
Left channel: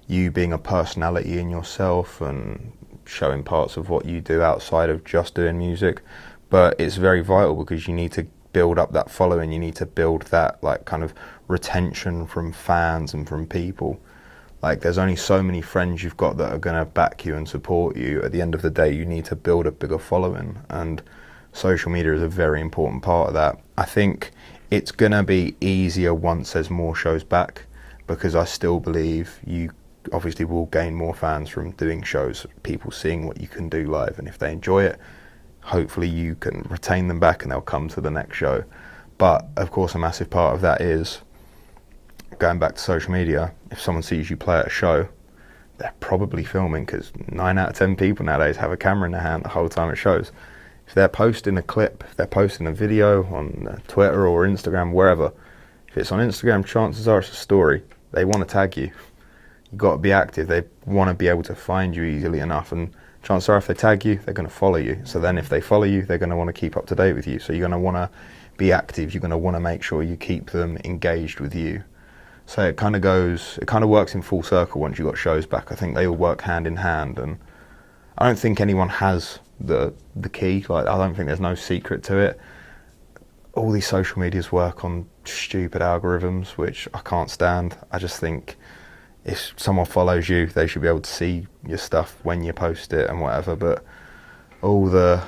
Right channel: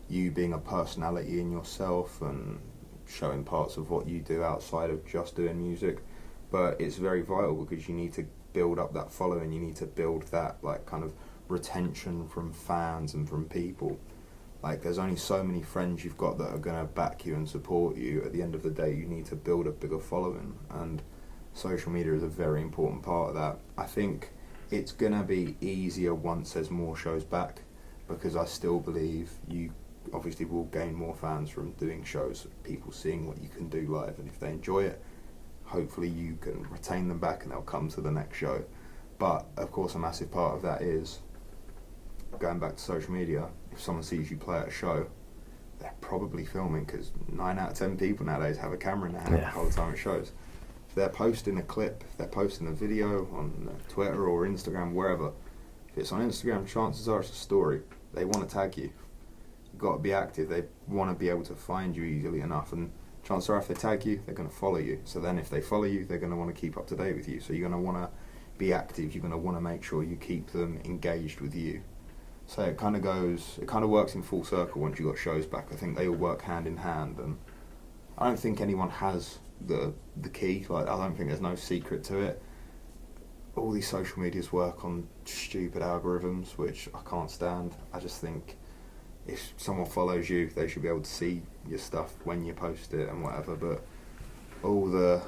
you being a personality in yourself and showing parts of what you do outside of just doing music. But it's very vital because you need to build up that following. You need to build that like kind of retention from fans and from people. Like, there's only so many friends you've got that are going to back you and support you. At the end of the day, you need to build a bigger following, and social media is a very important part of that. I think it's going to be easier once there's more shows back, because I still believe you obviously will gain more fans from doing shows, people seeing what you can do live, and if they enjoy it, hopefully you can retain them back and they'll come to the next show. But of course, a massive part of that is going back to social media. If someone sees you play at a show, they're probably filming, because 9 out of 10 people nowadays have a camera in their hand the whole time it shows. If they're posting a clip, if they're posting a video on Twitter or Instagram, wherever, if it's on Instagram, chances are it's a story. They want to tag you. You've got to be active. They want to be able to find you easily enough, and chances are if they tag you, they're going to follow you. So then if they follow you, they're going to want to keep up to date with you. So you're going to want to be active. You're going to want to make sure you keep them engaged with you. So it kind of works in full circle once you've got shows back. I think they all work hand in hand, and I don't think anyone has the key. Like, I don't think there's no secret to it. All these social medias work on stupid algorithms, which I can't stand. I just think if someone follows you, they should be able to see your stuff when you post it and whatever. But all the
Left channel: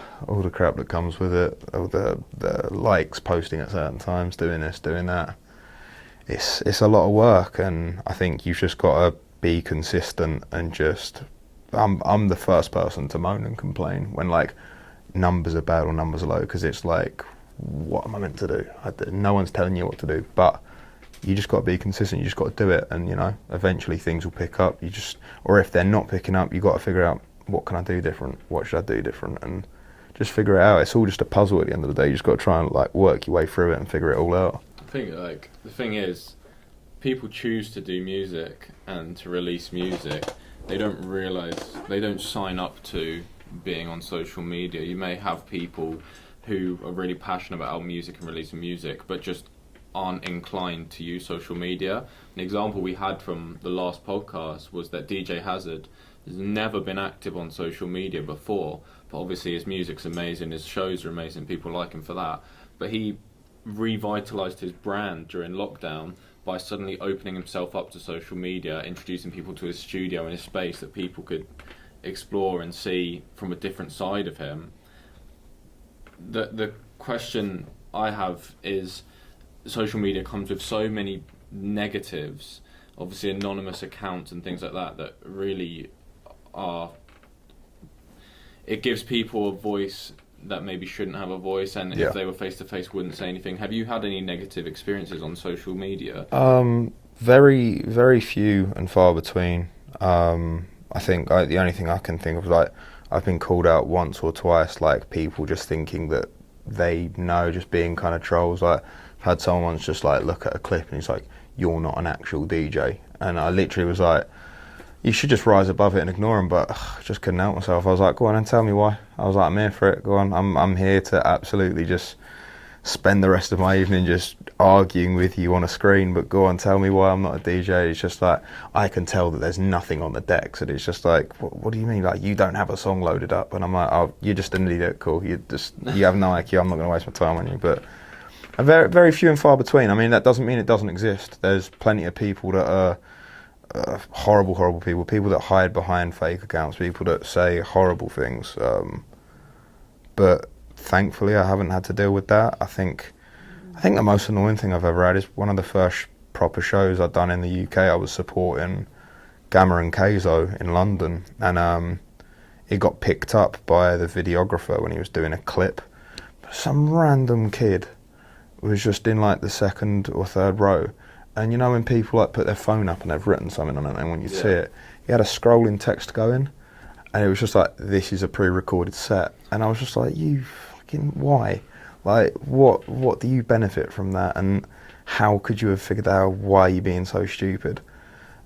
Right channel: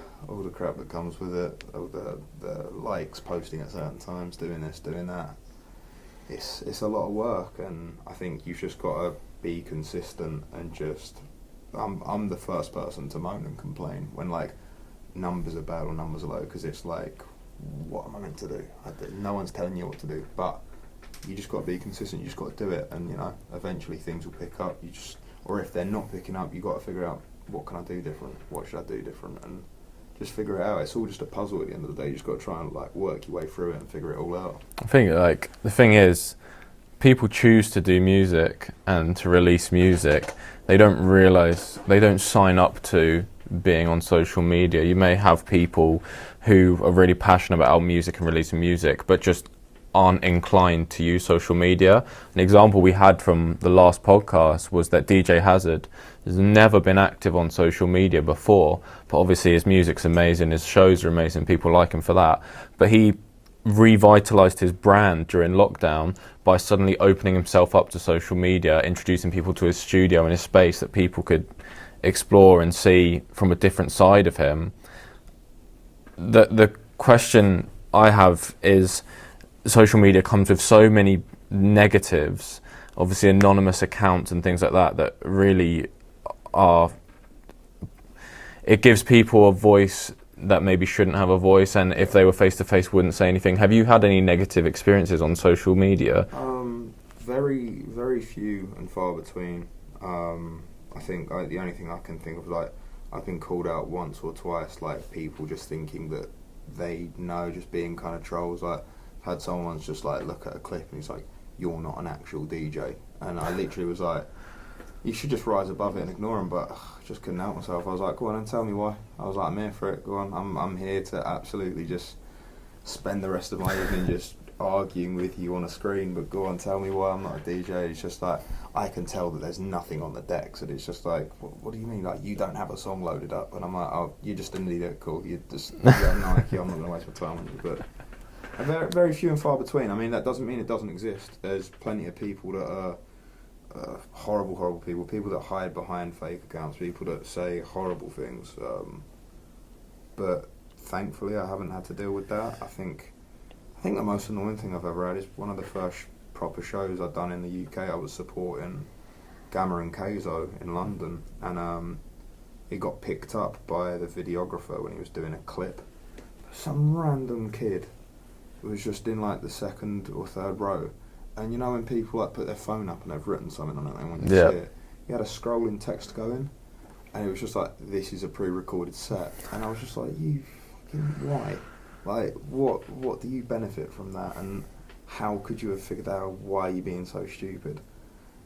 crap that comes with it, all the likes, posting at certain times, doing this, doing that, it's a lot of work. And I think you've just got to be consistent and just. I'm the first person to moan and complain when like numbers are bad or numbers are low, because it's like, what am I meant to do? No one's telling you what to do, but you just got to be consistent. You just got to do it, and eventually things will pick up. Or if they're not picking up, you got to figure out, what can I do different? What should I do different? And just figure it out. It's all just a puzzle at the end of the day. You just got to try and like work your way through it and figure it all out. I think like the thing is, people choose to do music and to release music. They don't realise, they don't sign up to being on social media. You may have people who are really passionate about music and releasing music, but just aren't inclined to use social media. An example we had from the last podcast was that DJ Hazard has never been active on social media before, but obviously his music's amazing, his shows are amazing, people like him for that. But he revitalised his brand during lockdown by suddenly opening himself up to social media, introducing people to his studio and his space that people could explore and see from a different side of him. The question I have is, social media comes with so many negatives, obviously anonymous accounts and things like that, that really are, it gives people a voice that maybe shouldn't have a voice, and if they were face to face wouldn't say anything. Have you had any negative experiences on social media? Very, very few and far between. I think the only thing I can think of is like I've been called out once or twice, like people just thinking that they know, just being kind of trolls. Like I've had someone once just like look at a clip and he's like, "You're not an actual DJ," and I literally was like, "You should just rise above it and ignore him." But I just couldn't help myself. I was like, "Go on and tell me why." I was like, "I'm here for it. Go on. I'm here to absolutely just spend the rest of my evening just arguing with you on a screen, but go on, tell me why I'm not a DJ." It's just like, I can tell that there's nothing on the decks, and it's just like, what do you mean? Like, you don't have a song loaded up? And I'm like, oh, you're just an idiot, cool. You have no IQ, I'm not going to waste my time on you. But very, very few and far between. I mean, that doesn't mean it doesn't exist. There's plenty of people that are horrible, horrible people that hide behind fake accounts, people that say horrible things. But thankfully, I haven't had to deal with that. I think the most annoying thing I've ever had is one of the first proper shows I'd done in the UK. I was supporting Gamma and Keizo in London, and it got picked up by the videographer when he was doing a clip. Some random kid was just in like the second or third row, and you know when people like put their phone up and they've written something on it, and when you see it, he had a scrolling text going, and it was just like, "This is a pre-recorded set," and I was just like, "You fucking why? Like, what do you benefit from that? And how could you have figured out why you're being so stupid?"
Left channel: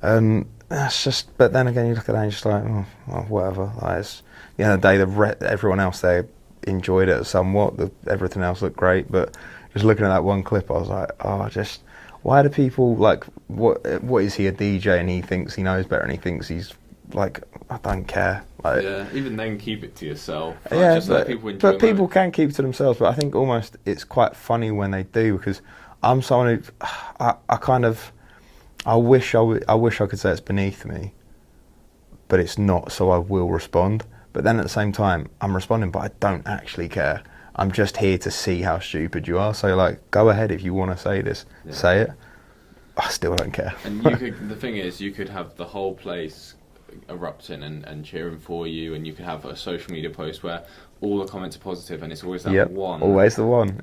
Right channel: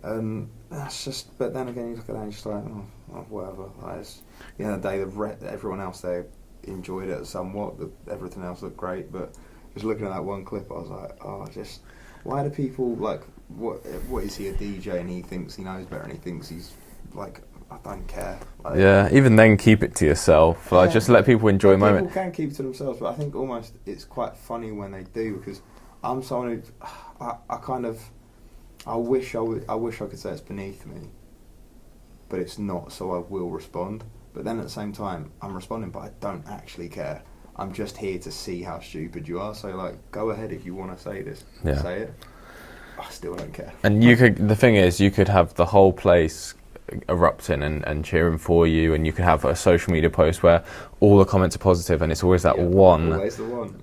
And that's just. But then again, you look at that and you're just like, oh, well, whatever. Like, it's, the end of the day, everyone else there enjoyed it somewhat. Everything else looked great, but just looking at that one clip, I was like, oh, just why do people like what is he, a DJ, and he thinks he knows better, and he thinks he's like, I don't care. Like, yeah, even then, keep it to yourself. Like, just let people enjoy the moment. People can keep it to themselves, but I think almost it's quite funny when they do, because I'm someone who I wish I could say it's beneath me, but it's not. So I will respond. But then at the same time, I'm responding, but I don't actually care. I'm just here to see how stupid you are. So like, go ahead if you want to say this, say it. I still don't care. And you could. The thing is, you could have the whole place erupting and cheering for you, and you could have a social media post where all the comments are positive, and it's always that one. Always the one.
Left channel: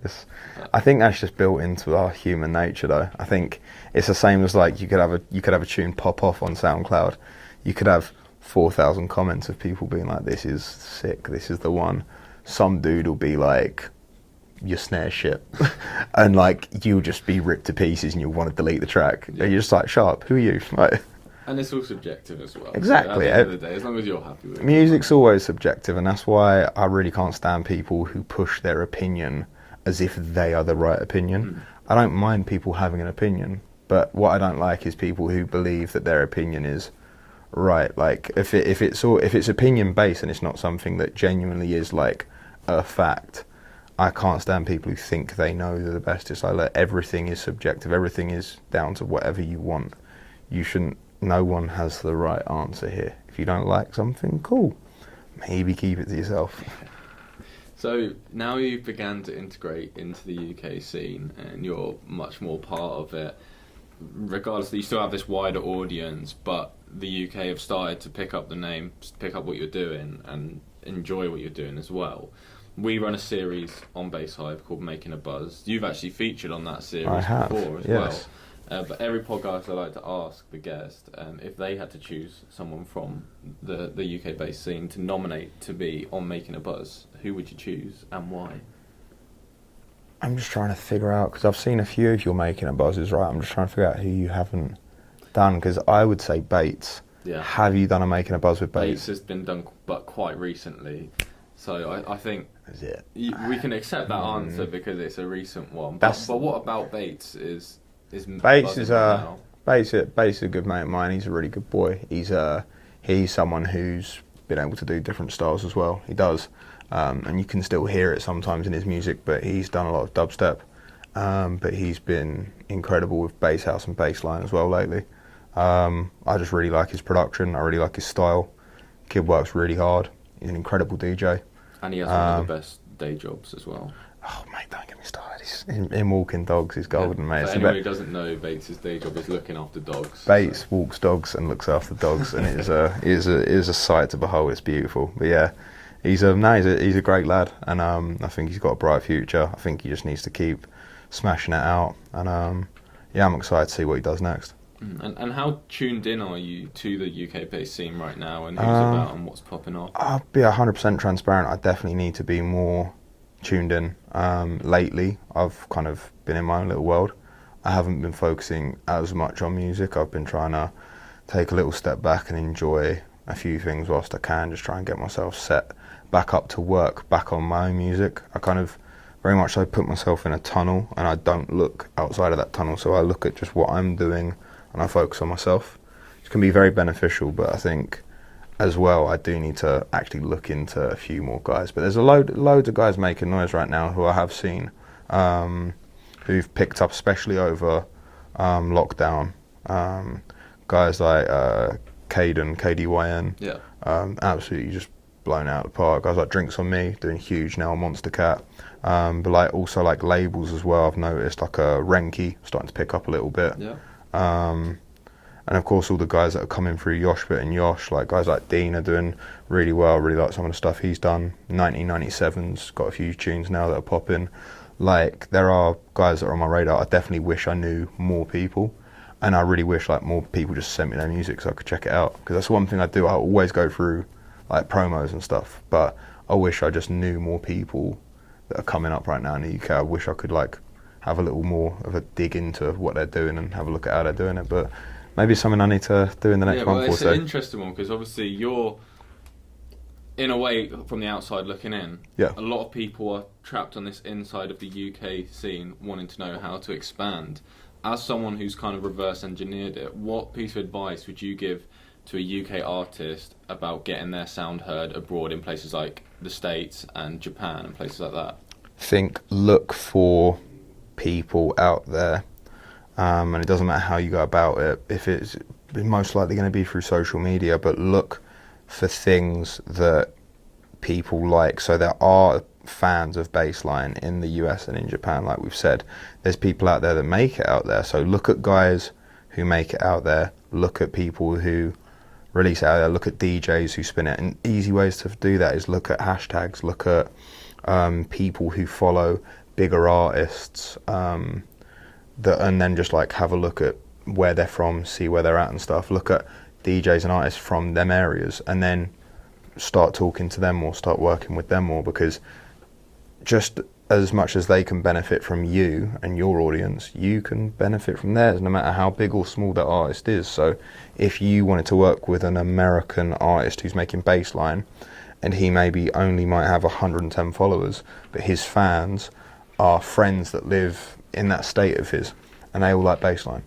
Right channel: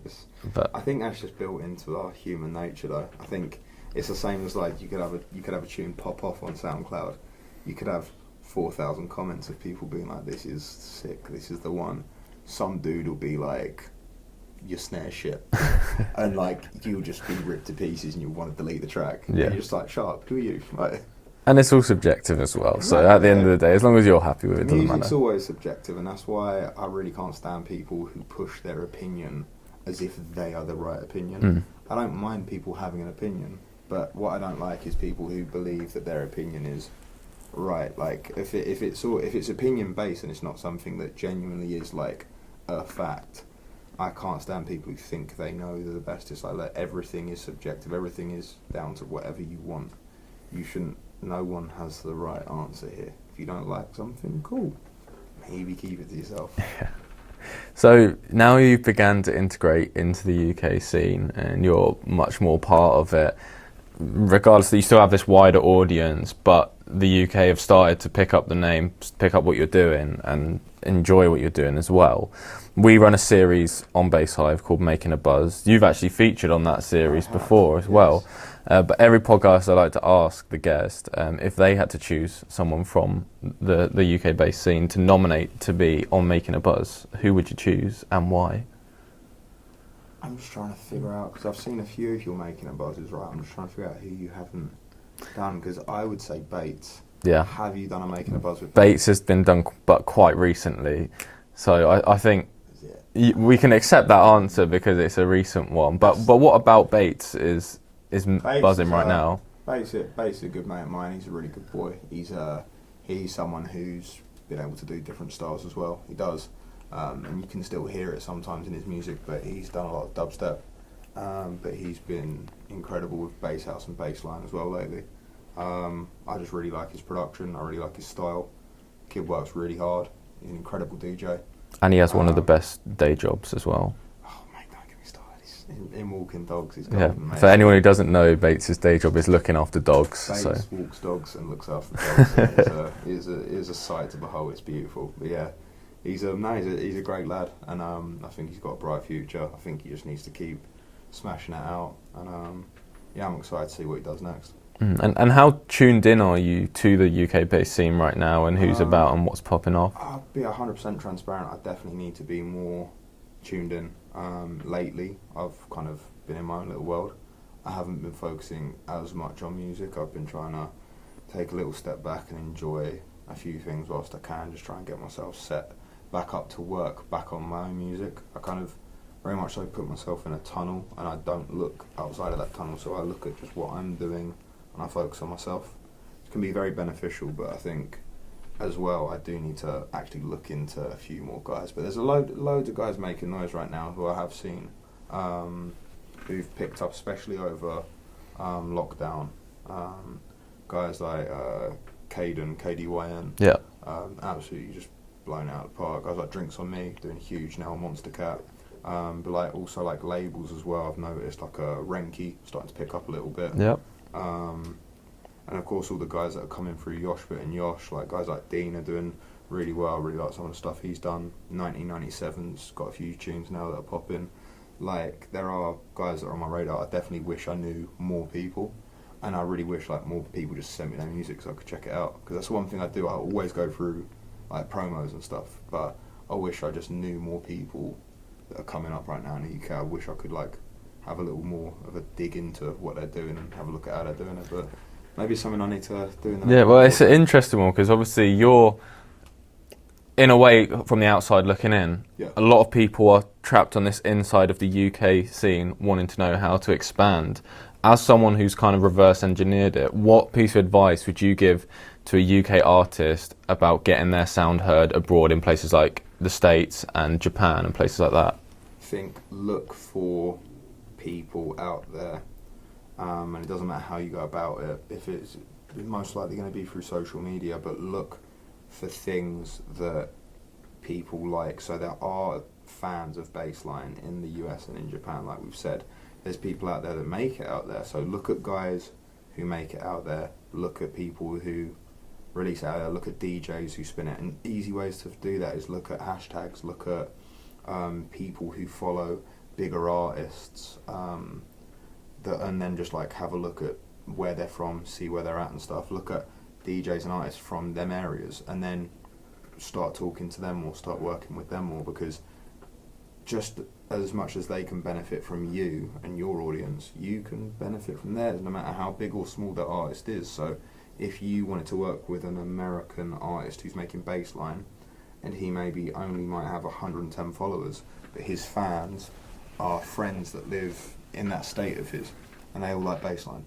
I think that's just built into our human nature, though. I think it's the same as like you could have a tune pop off on SoundCloud. You could have 4,000 comments of people being like, "This is sick. This is the one." Some dude will be like, "Your snare shit," and like you'll just be ripped to pieces, and you'll want to delete the track. Yeah. And you're just like, "Shut up. Who are you?" Like, and it's all subjective as well. Exactly, so at the end of the day, as long as you're happy with it. Music's always subjective, and that's why I really can't stand people who push their opinion as if they are the right opinion. I don't mind people having an opinion, but what I don't like is people who believe that their opinion is right. Like if it's opinion based and it's not something that genuinely is like a fact, I can't stand people who think they know they're the best. It's like, look, everything is subjective. Everything is down to whatever you want. You shouldn't. No one has the right answer here. If you don't like something, cool. Maybe keep it to yourself. Yeah. So now you've began to integrate into the UK scene, and you're much more part of it. Regardless that you still have this wider audience, but the UK have started to pick up the name, pick up what you're doing, and enjoy what you're doing as well. We run a series on Bass Hive called Making a Buzz. You've actually featured on that series before as well. But every podcast I like to ask the guest if they had to choose someone from the UK-based scene to nominate to be on Making a Buzz, who would you choose and why? I'm just trying to figure out, because I've seen a few of your Making a Buzzes, right? I'm just trying to figure out who you haven't done, because I would say Bates. Yeah. Have you done a Making a Buzz with Bates? Bates has been done, but quite recently. So I think we can accept that answer because it's a recent one. But what about Bates is Bates buzzing right now? Bates is a good mate of mine. He's a really good boy. He's someone who's been able to do different styles as well. He does. And you can still hear it sometimes in his music, but he's done a lot of dubstep. But he's been incredible with bass house and bass line as well lately. I just really like his production. I really like his style. Kid works really hard. He's an incredible DJ. And he has one of the best day jobs as well. Oh, mate, don't get me started. He's in Walking Dogs, he's golden, mate. For anyone who doesn't know, Bates' day job is looking after dogs. Bates walks dogs and looks after dogs. It is a sight to behold. It's beautiful. But yeah, he's a great lad, and I think he's got a bright future. I think he just needs to keep smashing it out, and I'm excited to see what he does next. And how tuned in are you to the UK bass scene right now, and who's about and what's popping off? I'll be 100% transparent. I definitely need to be more tuned in. Lately, I've kind of been in my own little world. I haven't been focusing as much on music. I've been trying to take a little step back and enjoy a few things whilst I can, just try and get myself set back up to work, back on my own music. I kind of very much so put myself in a tunnel, and I don't look outside of that tunnel, so I look at just what I'm doing and I focus on myself. It can be very beneficial, but I think as well I do need to actually look into a few more guys. But there's loads of guys making noise right now who I have seen, who've picked up, especially over lockdown. Guys like KDYN, Yeah. absolutely just blown out of the park. Guys like Drinks on Me doing huge now, Monster Cat. But like also like labels as well. I've noticed like Renki starting to pick up a little bit. Yeah. And of course all the guys that are coming through Yoshbit and Yosh, like guys like Dean are doing really well. Really like some of the stuff he's done. 1997's got a few tunes now that are popping. Like there are guys that are on my radar. I definitely wish I knew more people, and I really wish like more people just sent me their music so I could check it out. Because that's one thing I do. I always go through like promos and stuff, but I wish I just knew more people that are coming up right now in the UK. I wish I could like have a little more of a dig into what they're doing and have a look at how they're doing it. But maybe it's something I need to do in the next month. Yeah, well, or it's so. an interesting one because obviously you're, in a way, from the outside looking in, Yeah. a lot of people are trapped on this inside of the UK scene wanting to know how to expand. As someone who's kind of reverse engineered it, what piece of advice would you give to a UK artist about getting their sound heard abroad in places like the States and Japan and places like that? Look for people out there, and it doesn't matter how you go about it. If it's most likely going to be through social media, but look for things that people like. So there are fans of bassline in the US and in Japan, like we've said. There's people out there that make it out there. So look at guys who make it out there. Look at people who release it out there. Look at DJs who spin it. And easy ways to do that is look at hashtags. Look at people who follow bigger artists, and then just like have a look at where they're from, see where they're at and stuff. Look at DJs and artists from them areas, and then start talking to them more, start working with them more, because just as much as they can benefit from you and your audience, you can benefit from theirs, no matter how big or small that artist is. So if you wanted to work with an American artist who's making bassline, and he maybe only might have 110 followers, but his fans are friends that live in that state of his, and they all like bassline.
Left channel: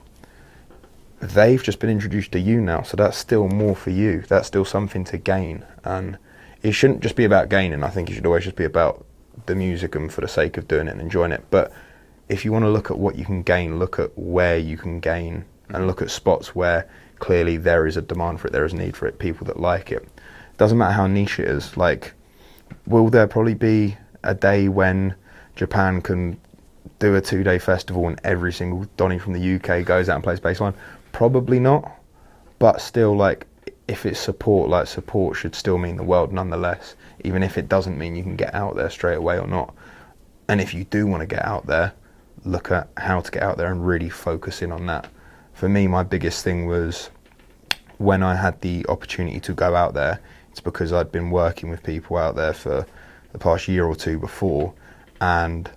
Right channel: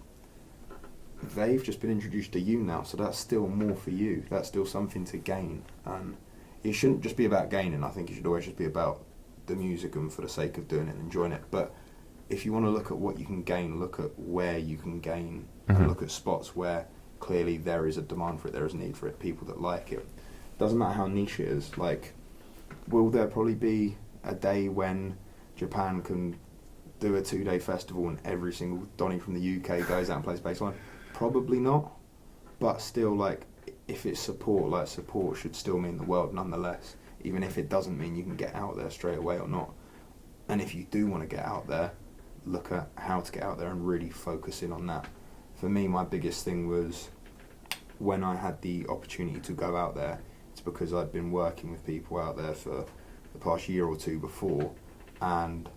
They've just been introduced to you now, so that's still more for you. That's still something to gain, and it shouldn't just be about gaining. I think it should always just be about the music and for the sake of doing it and enjoying it. But if you want to look at what you can gain, look at where you can gain, and look at spots where clearly there is a demand for it, there is a need for it, people that like it. Doesn't matter how niche it is. Like, will there probably be a day when Japan can do a 2-day festival and every single Donny from the UK goes out and plays bassline? Probably not. But still, like, if it's support, like, support should still mean the world nonetheless, even if it doesn't mean you can get out there straight away or not. And if you do want to get out there, look at how to get out there and really focus in on that. For me, my biggest thing was when I had the opportunity to go out there, it's because I'd been working with people out there for the past year or two before, and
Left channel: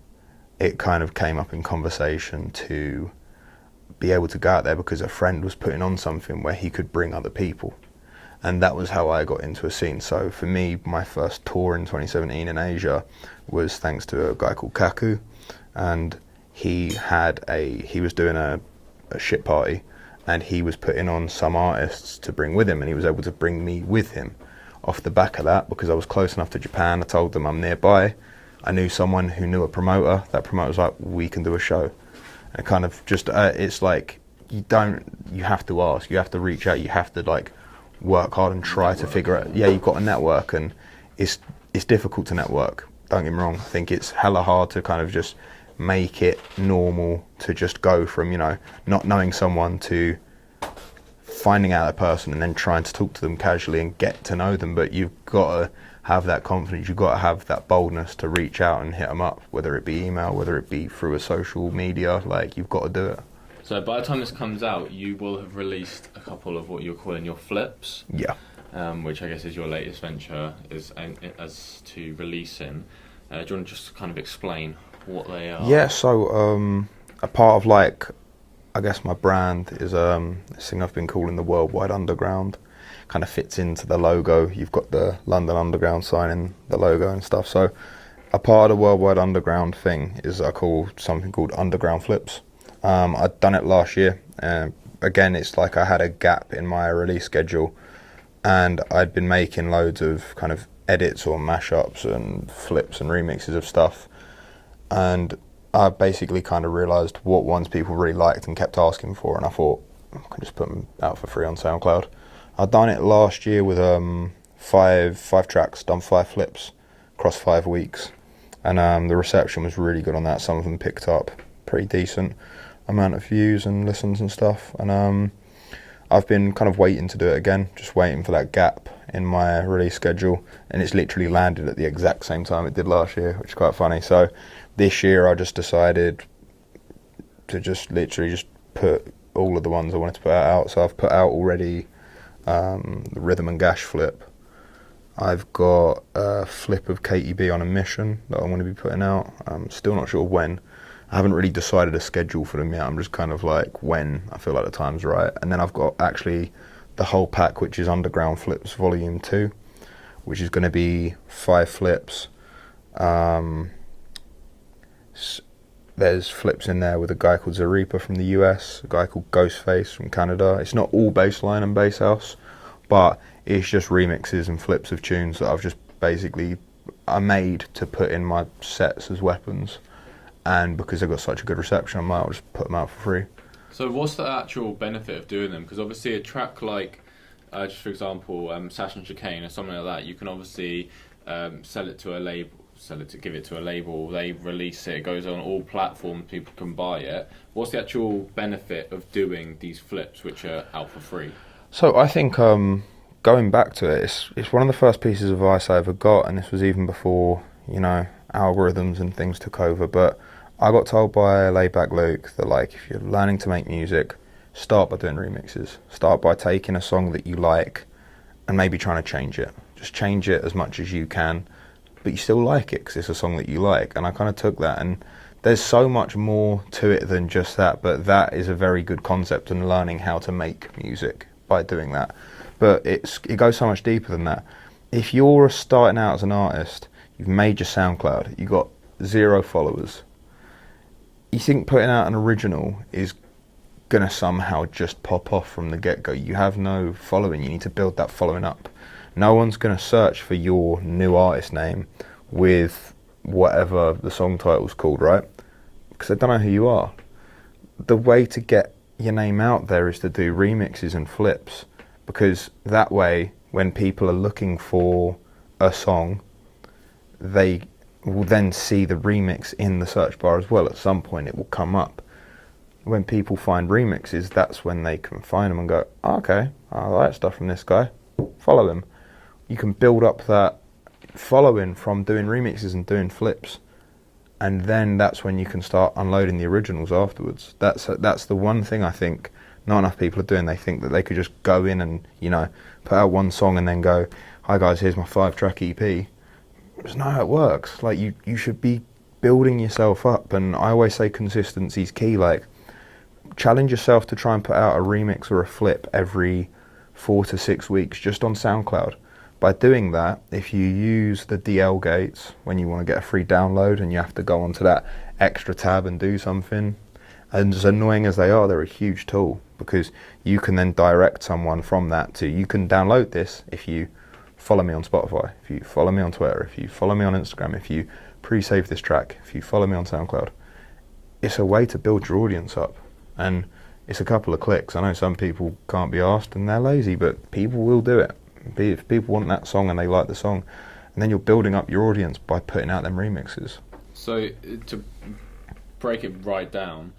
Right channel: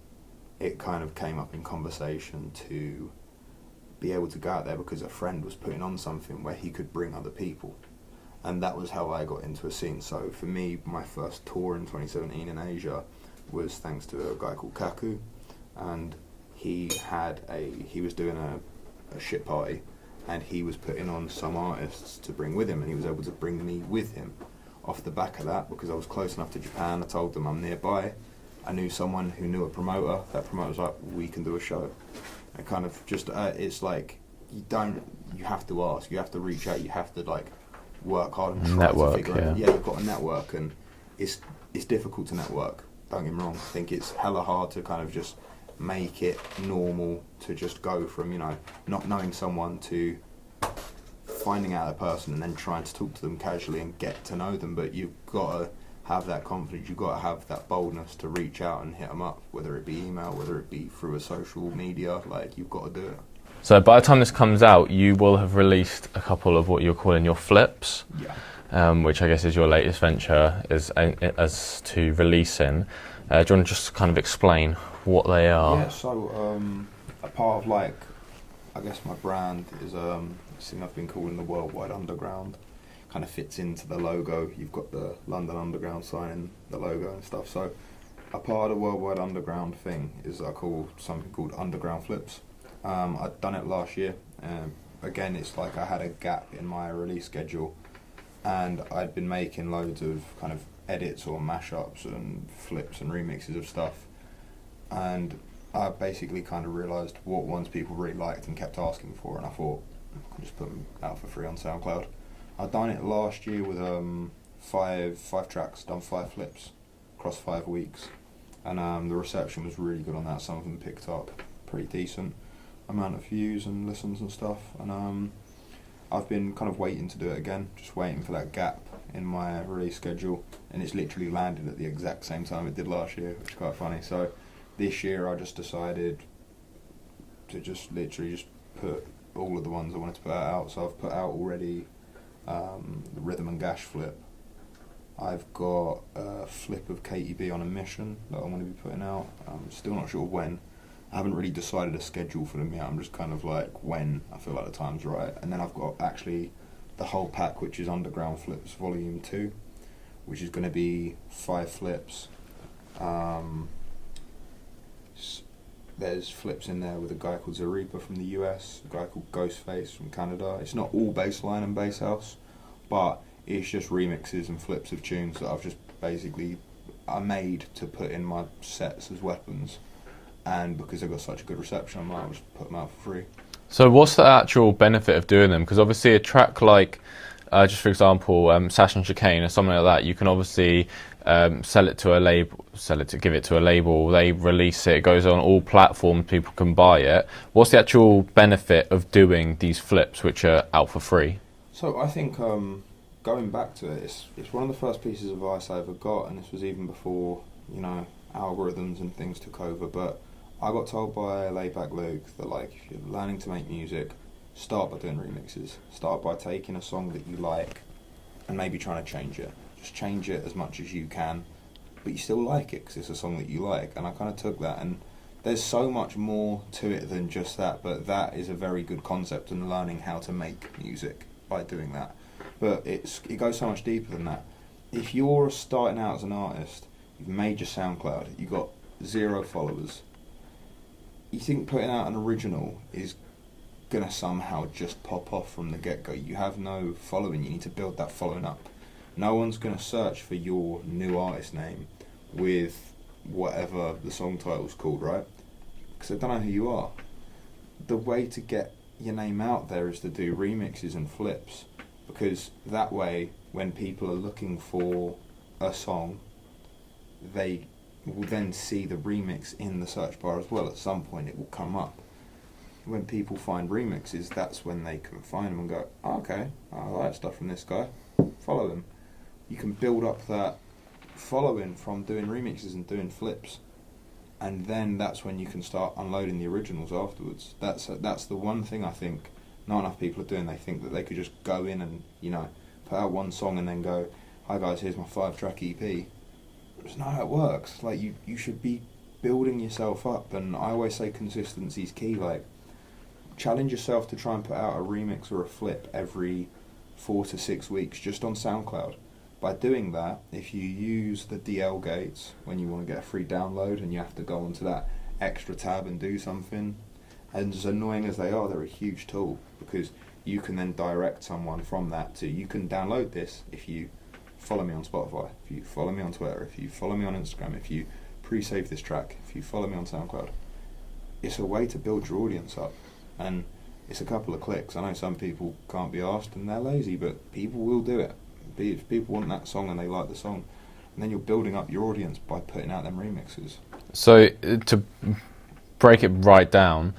it kind of came up in conversation to be able to go out there because a friend was putting on something where he could bring other people. And that was how I got into a scene. So for me, my first tour in 2017 in Asia was thanks to a guy called Kaku, and he was doing a shit party, and he was putting on some artists to bring with him, and he was able to bring me with him off the back of that because I was close enough to Japan. I told them I'm nearby. I knew someone who knew a promoter. That promoter was like, we can do a show. And kind of just, it's like, you have to ask, you have to reach out, you have to like work hard and try to figure out. Yeah, you've got to network, and it's difficult to network. Don't get me wrong. I think it's hella hard to kind of just make it normal to just go from, not knowing someone to finding out a person and then trying to talk to them casually and get to know them. But you've got to have that confidence, you've got to have that boldness to reach out and hit them up, whether it be email, whether it be through a social media, like you've got to do it. So by the time this comes out, you will have released a couple of what you're calling your flips. Yeah. Which I guess is your latest venture as to releasing. Do you want to just kind of explain what they are? Yeah, so a part of like, I guess my brand is this thing I've been calling the Worldwide Underground. Kind of fits into the logo. You've got the London Underground sign in the logo and stuff. So a part of the Worldwide Underground thing is I call something called Underground Flips. I'd done it last year. Again, it's like I had a gap in my release schedule. And I'd been making loads of kind of edits or mashups and flips and remixes of stuff. And I basically kind of realised what ones people really liked and kept asking for. And I thought, I can just put them out for free on SoundCloud. I'd done it last year with five tracks, done 5 flips across 5 weeks. And the reception was really good on that. Some of them picked up pretty decent amount of views and listens and stuff. And I've been kind of waiting to do it again, just waiting for that gap in my release schedule, and it's literally landed at the exact same time it did last year, which is quite funny. So this year I just decided to just literally just put all of the ones I wanted to put out. So I've put out already the Rhythm and Gash flip. I've got a flip of Katie B on a mission that I'm going to be putting out. I'm still not sure when. I haven't really decided a schedule for them yet. I'm just kind of like when I feel like the time's right. And then I've got actually the whole pack, which is Underground Flips Volume 2, which is going to be 5 flips. There's flips in there with a guy called Zarepa from the US, a guy called Ghostface from Canada. It's not all bassline and bass house, but it's just remixes and flips of tunes that I've just basically I made to put in my sets as weapons. And because they've got such a good reception, I might just put them out for free. So what's the actual benefit of doing them? Because obviously a track like, just for example, Sash and Chicane or something like that, you can obviously give it to a label, they release it, it goes on all platforms, people can buy it. What's the actual benefit of doing these flips which are out for free? So I think going back to it, it's one of the first pieces of advice I ever got, and this was even before, algorithms and things took over, but I got told by Laidback Luke that like if you're learning to make music, start by doing remixes. Start by taking a song that you like and maybe trying to change it. Just change it as much as you can, but you still like it because it's a song that you like. And I kind of took that, and there's so much more to it than just that, but that is a very good concept in learning how to make music by doing that. But it goes so much deeper than that. If you're starting out as an artist, you've made your SoundCloud, you've got 0 followers, you think putting out an original is going to somehow just pop off from the get-go. You have no following, you need to build that following up. No one's going to search for your new artist name with whatever the song title's called, right? Because they don't know who you are. The way to get your name out there is to do remixes and flips, because that way when people are looking for a song, they will then see the remix in the search bar as well. At some point it will come up. When people find remixes, that's when they can find them and go, oh, okay, I like stuff from this guy, follow him. You can build up that following from doing remixes and doing flips, and then that's when you can start unloading the originals afterwards. That's the one thing I think not enough people are doing. They think that they could just go in and put out one song and then go, hi guys, here's my 5-track EP. It's not how it works. Like you should be building yourself up, and I always say consistency is key. Like, challenge yourself to try and put out a remix or a flip every 4 to 6 weeks just on SoundCloud. By doing that, if you use the DL gates when you want to get a free download and you have to go onto that extra tab and do something, and as annoying as they are, they're a huge tool, because you can then direct someone from that to, you can download this if you follow me on Spotify, if you follow me on Twitter, if you follow me on Instagram, if you pre-save this track, if you follow me on SoundCloud. It's a way to build your audience up, and it's a couple of clicks. I know some people can't be asked and they're lazy, but people will do it. If people want that song and they like the song, and then you're building up your audience by putting out them remixes. So to break it right down,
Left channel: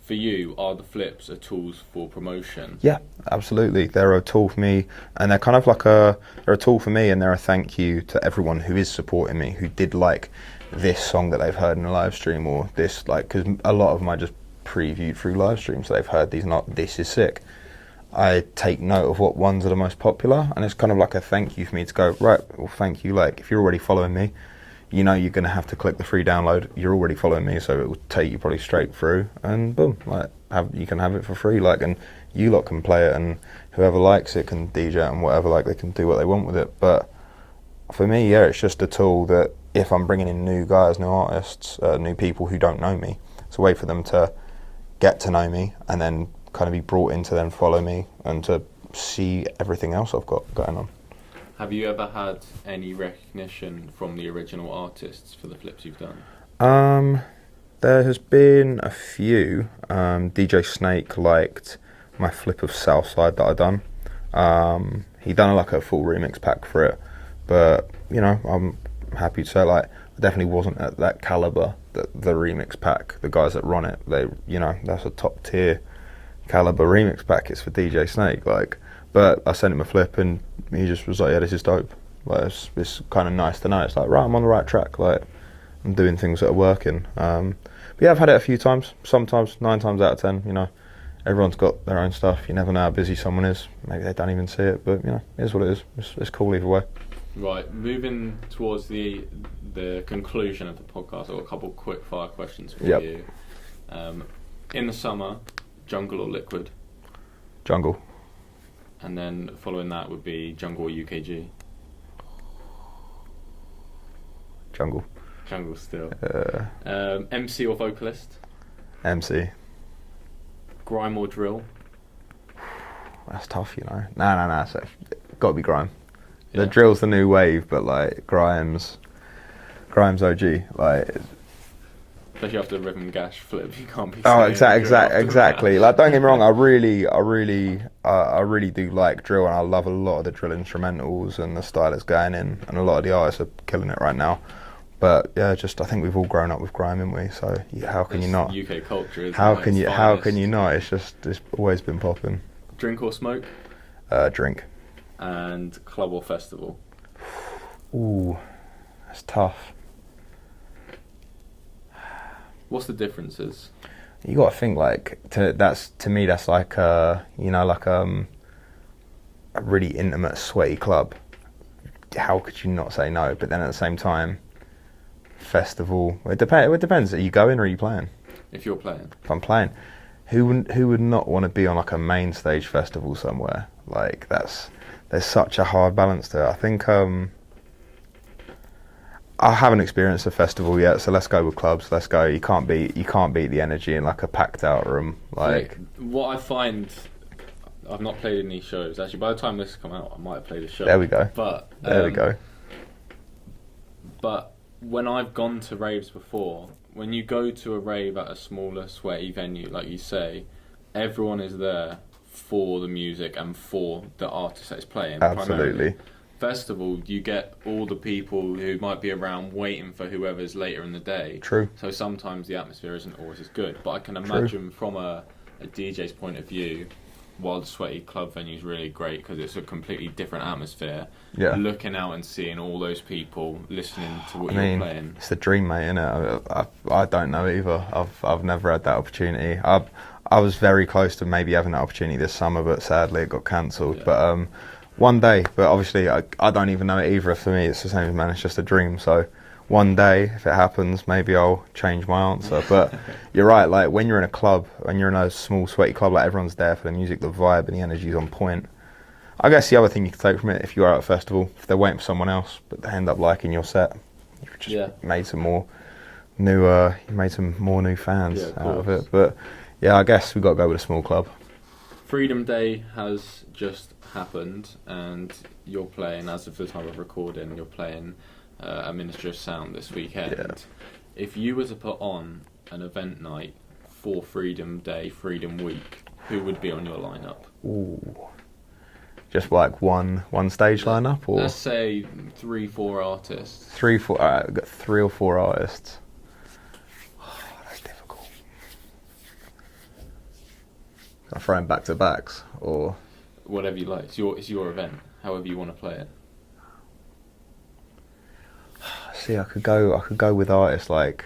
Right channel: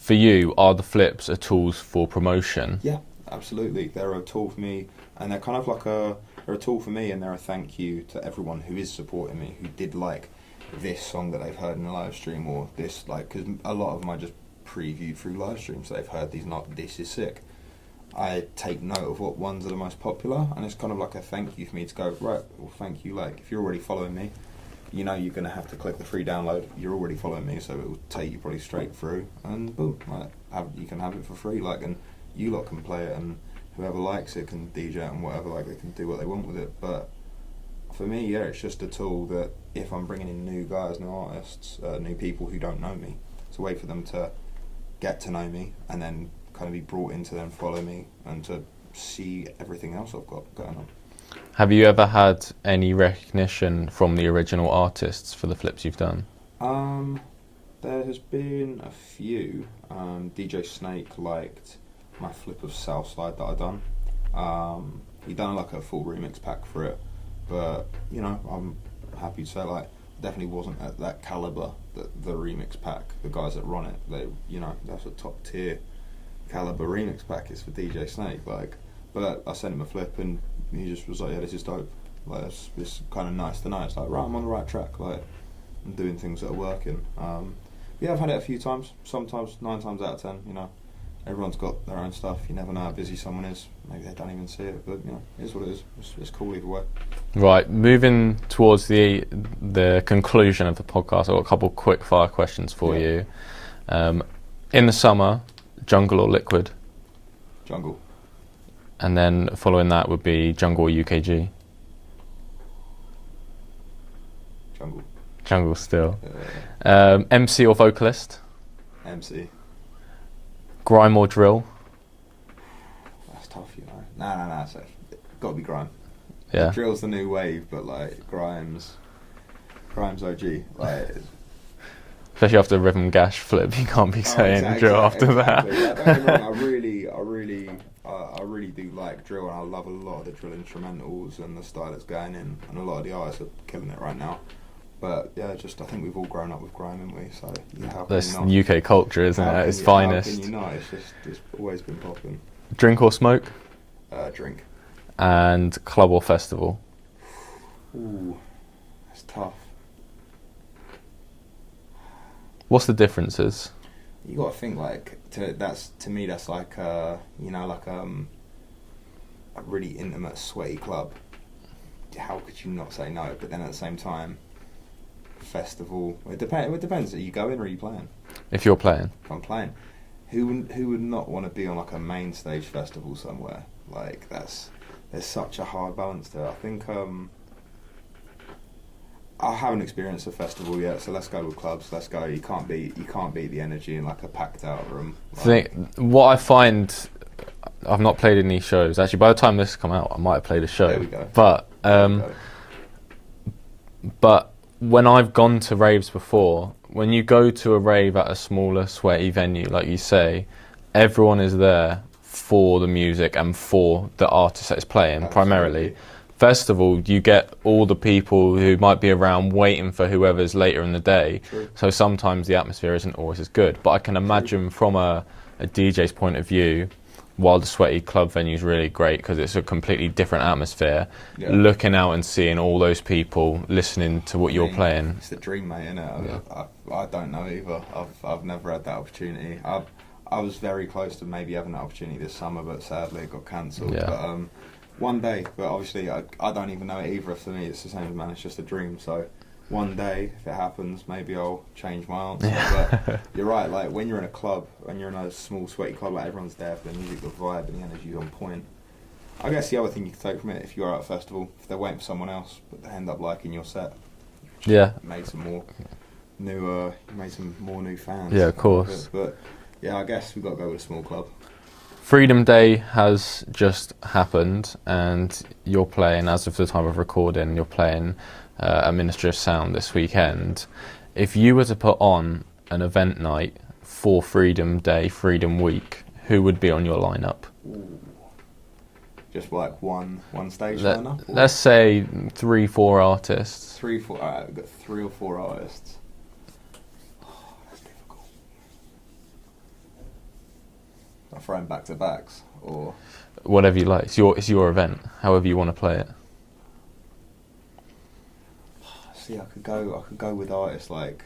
for you, are the flips are tools for promotion? Yeah, absolutely. They're a tool for me, and they're kind of like they're a tool for me, and they're a thank you to everyone who is supporting me, who did like this song that they've heard in a live stream, or this, like, because a lot of them I just previewed through live stream, so they've heard this is sick. I take note of what ones are the most popular, and it's kind of like a thank you for me to go, right, well, thank you. Like, if you're already following me, you know you're going to have to click the free download. You're already following me, so it will take you probably straight through, and boom, like, you can have it for free, like, and you lot can play it, and whoever likes it can DJ it and whatever, like, they can do what they want with it. But for me, yeah, it's just a tool that if I'm bringing in new guys, new artists, new people who don't know me, it's a way for them to get to know me and then kind of be brought in to then follow me and to see everything else I've got going on. Have you ever had any recognition from the original artists for the flips you've done? There has been a few. DJ Snake liked my flip of Southside that I done. He done like a full remix pack for it, but you know, I'm happy to say, like, I definitely wasn't at that caliber that the remix pack, the guys that run it, they, you know, that's a top tier caliber remix pack. It's for DJ Snake, like, but I sent him a flip and he just was like, yeah, this is dope. Like, it's kind of nice to know. It's like, right, I'm on the right track. Like, I'm doing things that are working. But yeah, I've had it a few times. Sometimes 9 times out of 10, you know, everyone's got their own stuff. You never know how busy someone is. Maybe they don't even see it, but you know, it is what it is. It's cool either way. Right, moving towards the conclusion of the podcast, I've got a couple quick fire questions for you. In the summer, jungle or liquid? Jungle. And then following that would be jungle or UKG? Jungle. Jungle still. MC or vocalist? MC. Grime or drill? That's tough, you know. Nah. So, got to be grime. Yeah. The drill's the new wave, but like Grime's OG. Like, especially after the rhythm gash flip, you can't be saying exactly. Like, don't get me wrong, I really do like drill, and I love a lot of the drill instrumentals and the style it's going in, and a lot of the artists are killing it right now. But yeah, just I think we've all grown up with grime, haven't we? So yeah, how can you not? UK culture, isn't it? How can you not? It's always been popping. Drink or smoke? Drink. And club or festival? Ooh, that's tough. What's the differences? You got to think, like, to me that's like you know, like a really intimate, sweaty club. How could you not say no? But then at the same time, festival. It depends. Are you going or are you playing? If you're playing. If I'm playing, who would not want to be on like a main stage festival somewhere? Like, there's such a hard balance there. I think I haven't experienced a festival yet, so let's go with clubs. Let's go. You can't beat the energy in like a packed out room. Like, what I find, I've not played any shows. Actually, by the time this come out, I might have played a show. There we go. But there we go. But when I've gone to raves before, when you go to a rave at a smaller, sweaty venue, like you say, everyone is there for the music and for the artist that's playing. Absolutely. Primarily. Festival, you get all the people who might be around waiting for whoever's later in the day. True. So sometimes the atmosphere isn't always as good. But I can imagine from a DJ's point of view, while the sweaty club venue is really great because it's a completely different atmosphere, looking out and seeing all those people listening to what you're playing. It's the dream, mate, innit? I don't know either. I've never had that opportunity. I was very close to maybe having that opportunity this summer, but sadly it got cancelled. Yeah. But one day, but obviously I don't even know it either. For me, it's the same, man. It's just a dream. So one day, if it happens, maybe I'll change my answer. But you're right. Like, when you're in a club, when you're in a small, sweaty club, like, everyone's there for the music, the vibe, and the energy's on point. I guess the other thing you can take from it, if you're out at a festival, if they're waiting for someone else, but they end up liking your set, you've just made some more new fans. Yeah, of course. But yeah, I guess we've got to go with a small club. Freedom Day has just happened, and you're playing, as of the time of recording, you're playing a Ministry of Sound this weekend. Yeah. If you were to put on an event night for Freedom Day, Freedom Week, who would be on your lineup? Ooh. Just like one stage lineup? Or? Let's say 3-4 artists. 3-4. Alright, we've got 3 or 4 artists. That's difficult. I'm throwing back to backs, or whatever you like. It's your event. However you want to play it. See, I could go with artists like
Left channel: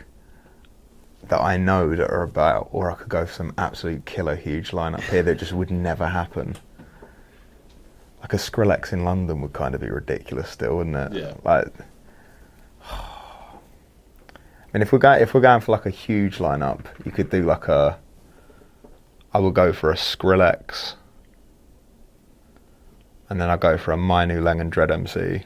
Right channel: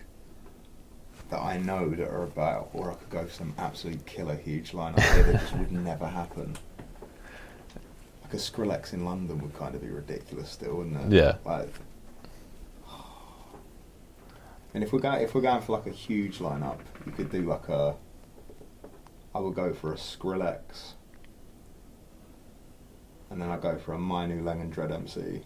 that I know that are about, or I could go for some absolute killer huge lineup here that just would never happen. Like a Skrillex in London would kind of be ridiculous still, wouldn't it? Yeah. Like, and if we're going for like a huge lineup, you could do like I would go for a Skrillex, and then I go for a My New Lang and Dread MC.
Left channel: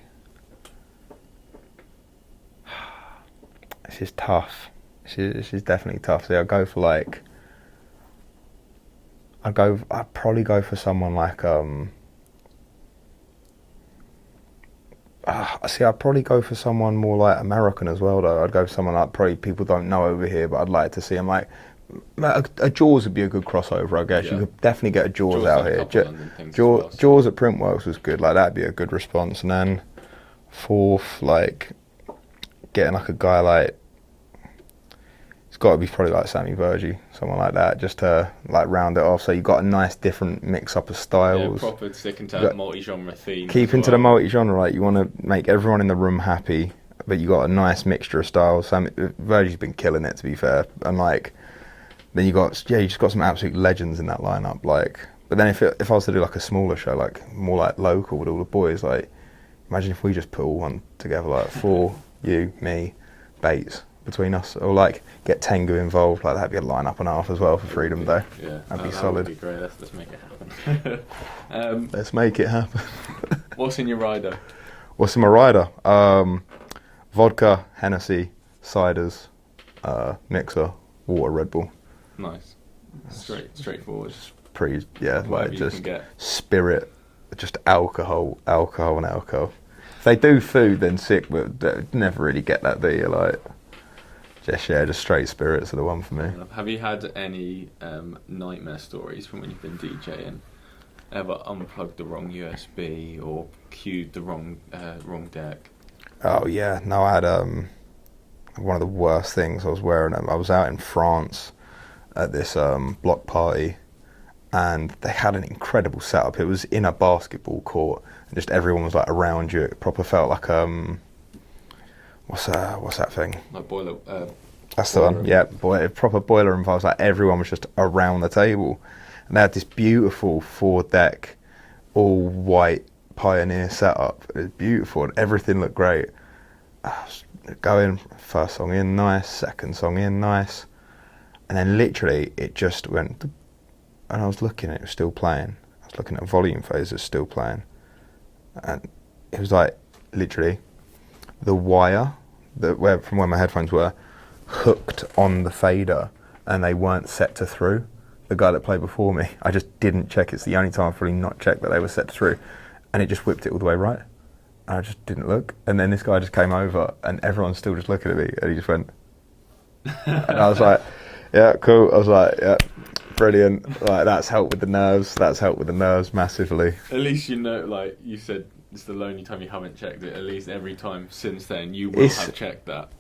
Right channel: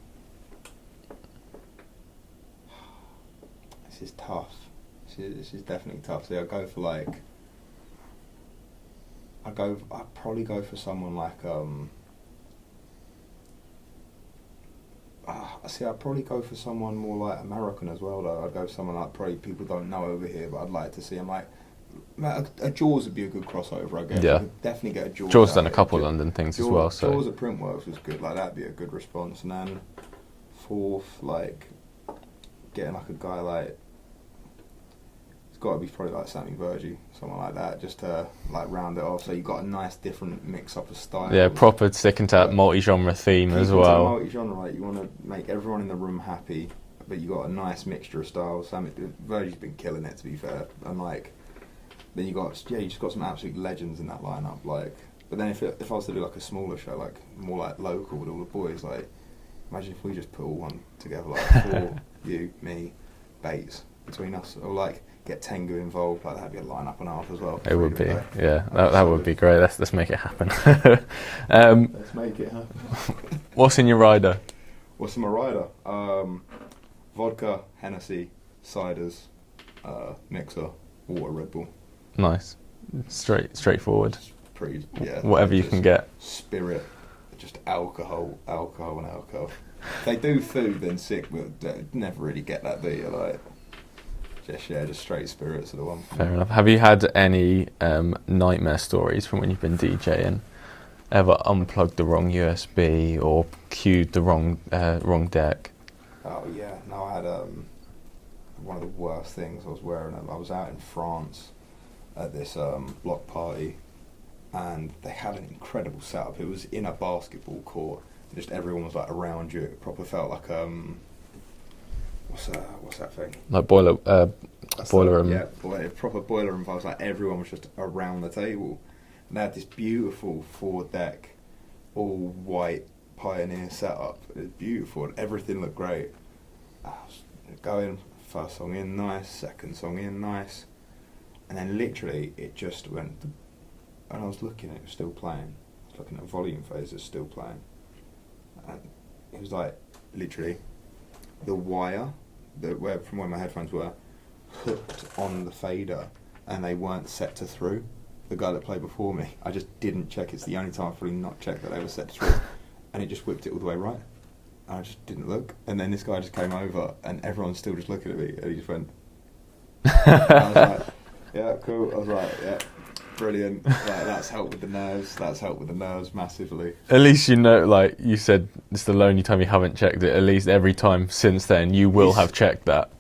This is tough. This is definitely tough. So I'd go for like, I'd probably go for someone like I'd probably go for someone more like American as well though. I'd go for someone like probably people don't know over here, but I'd like to see them like a Jaws would be a good crossover, I guess. Yeah. You could definitely get a Jaws out done here. A couple of London things as well. So. Jaws at Printworks was good. Like that'd be a good response. And then fourth, like getting like a guy like, it's got to be probably like Sammy Vergie, someone like that, just to like round it off. So you've got a nice different mix up of styles. Yeah, proper sticking to that multi-genre theme as well. Keeping to the multi-genre, like you want to make everyone in the room happy, but you got a nice mixture of styles. Vergie's been killing it, to be fair. And like, then you just got some absolute legends in that lineup. Like, but then if I was to do like a smaller show, like more like local with all the boys, like imagine if we just put all one together, like for you, me, Bates. Between us, or like get Tengu involved, like that'd be a lineup and a half as well for Freedom Day. Yeah, that would be great. Let's make it happen. Let's make it happen. What's in your rider? What's in my rider? Vodka, Hennessy, ciders, mixer, water, Red Bull. Nice, straightforward. Whatever you can get. Spirit, just alcohol, and alcohol. If they do food, then sick, but they never really get that, do you? Like. Just straight spirits are the one for me. Fair enough. Have you had any nightmare stories from when you've been DJing? Ever unplugged the wrong USB or queued the wrong deck? Oh yeah, no, I had one of the worst things. I was wearing them. I was out in France at this block party, and they had an incredible setup. It was in a basketball court, and just everyone was like around you. It proper felt like what's that thing? Like boiler. That's the one. Yeah, proper boiler room vibes. Like everyone was just around the table, and they had this beautiful 4-deck, all white Pioneer setup. It was beautiful, and everything looked great. Going first song in, nice. Second song in, nice. And then literally it just went, and I was looking, it was still playing. I was looking at volume phase, it's still playing, and it was like literally the wire from where my headphones were hooked on the fader, and they weren't set to through. The guy that played before me, I just didn't check. It's the only time I've probably not checked that they were set to through, and it just whipped it all the way right. And I just didn't look, and then this guy just came over, and everyone's still just looking at me, and he just went. And I was like, "Yeah, cool." I was like, "Yeah, brilliant." Like that's helped with the nerves. That's helped with the nerves massively. At least you know, like you said, it's the only time you haven't checked it. At least every time since then, you will have checked that.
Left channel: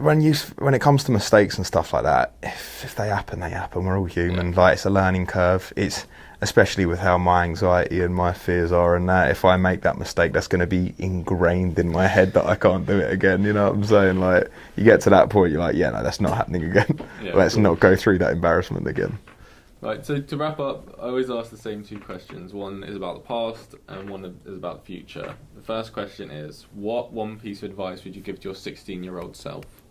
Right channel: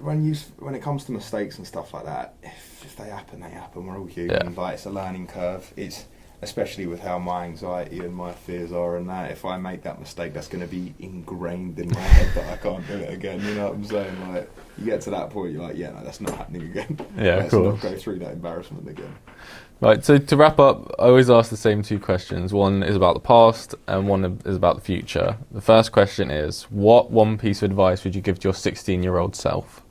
When it comes to mistakes and stuff like that, if they happen, they happen. We're all human. Yeah. Like it's a learning curve. It's especially with how my anxiety and my fears are, and that if I make that mistake, that's going to be ingrained in my head that I can't do it again. You know what I'm saying? Like you get to that point, you're like, yeah, no, that's not happening again. Yeah, let's not go through that embarrassment again. Right, so to wrap up, I always ask the same two questions. One is about the past and one is about the future. The first question is, what one piece of advice would you give to your 16-year-old self?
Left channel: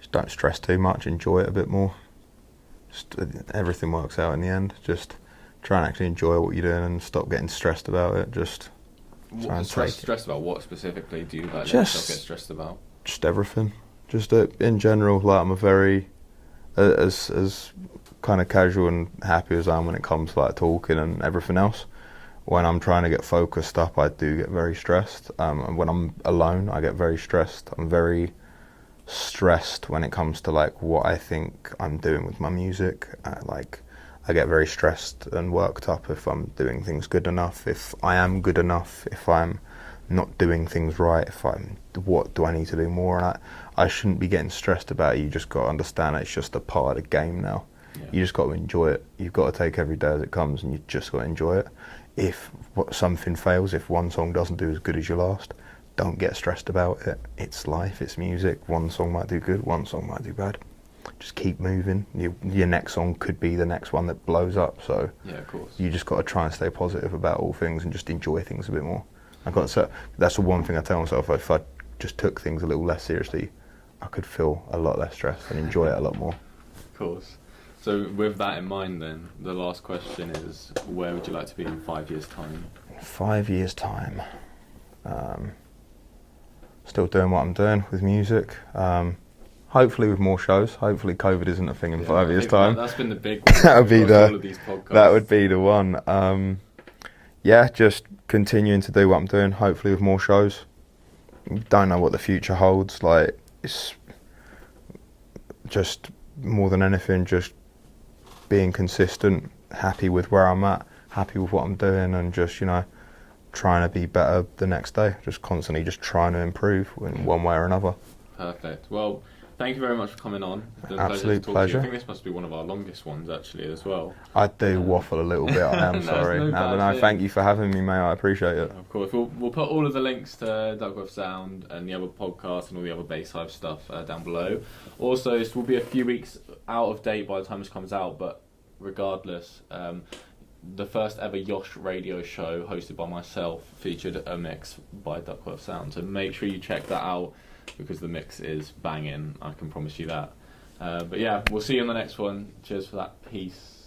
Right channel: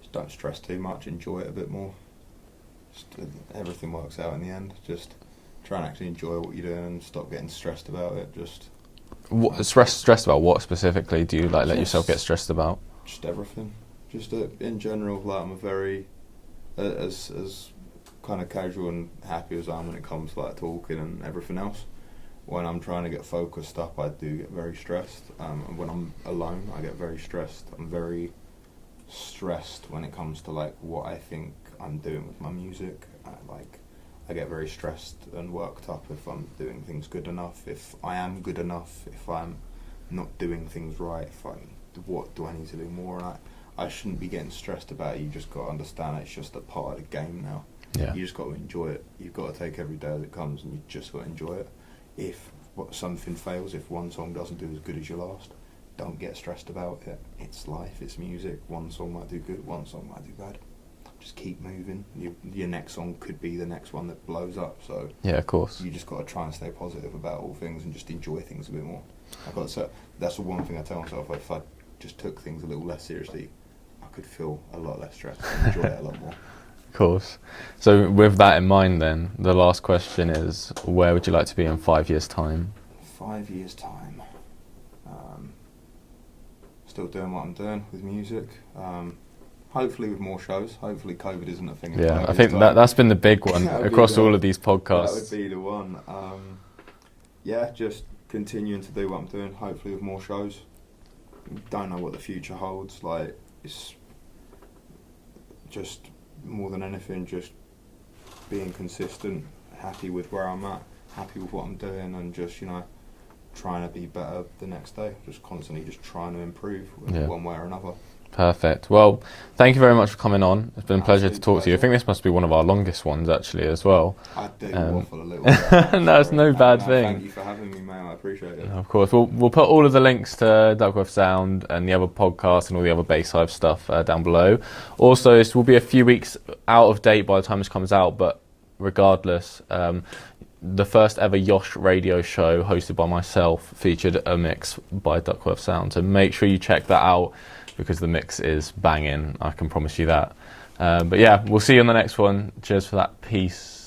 Just don't stress too much, enjoy it a bit more. Just everything works out in the end. Just try and actually enjoy what you're doing and stop getting stressed about it. Just stressed about what specifically do you let yourself get stressed about? Just everything. Just in general, like I'm a very as kind of casual and happy as I am when it comes to like talking and everything else. When I'm trying to get focused up, I do get very stressed. And when I'm alone, I get very stressed. I'm very stressed when it comes to like what I think I'm doing with my music. I get very stressed and worked up if I'm doing things good enough, if I am good enough, if I'm not doing things right, what do I need to do more? And I shouldn't be getting stressed about it. You just got to understand it's just a part of the game now. Yeah. You just got to enjoy it. You've got to take every day as it comes, and you just got to enjoy it. if something fails, if one song doesn't do as good as your last, don't get stressed about it. It's life, it's music. One song might do good, one song might do bad. Just keep moving. Your next song could be the next one that blows up. So yeah, of course. You just got to try and stay positive about all things and just enjoy things a bit more. That's the one thing I tell myself. If I just took things a little less seriously, I could feel a lot less stressed and enjoy it a lot more. Of course. So with that in mind then, the last question is, where would you like to be in 5 years' time? 5 years' time. Still doing what I'm doing with music. Hopefully with more shows. Hopefully COVID isn't a thing in 5 years' time. I think that's been the big one across all of these podcasts. That would be the one. Just continuing to do what I'm doing, hopefully with more shows. Don't know what the future holds. Like, it's just more than anything, just being consistent, happy with where I'm at, happy with what I'm doing, and just, trying to be better the next day. Just constantly just trying to improve in one way or another. Perfect. Well, thank you very much for coming on. It's been a pleasure to talk to you. I think this must be one of our longest ones, actually, as well. I do waffle a little bit. No, it's no bad thing. Thank you for having me, mate. I appreciate it. Of course. We'll put all of the links to Duckworthsound and the other podcasts and all the other Bass Hive stuff down below. Also, this will be a few weeks out of date by the time this comes out, but regardless, the first ever Yosh radio show hosted by myself featured a mix by Duckworthsound. So make sure you check that out, because the mix is banging, I can promise you that. But yeah, we'll see you on the next one. Cheers for that. Peace.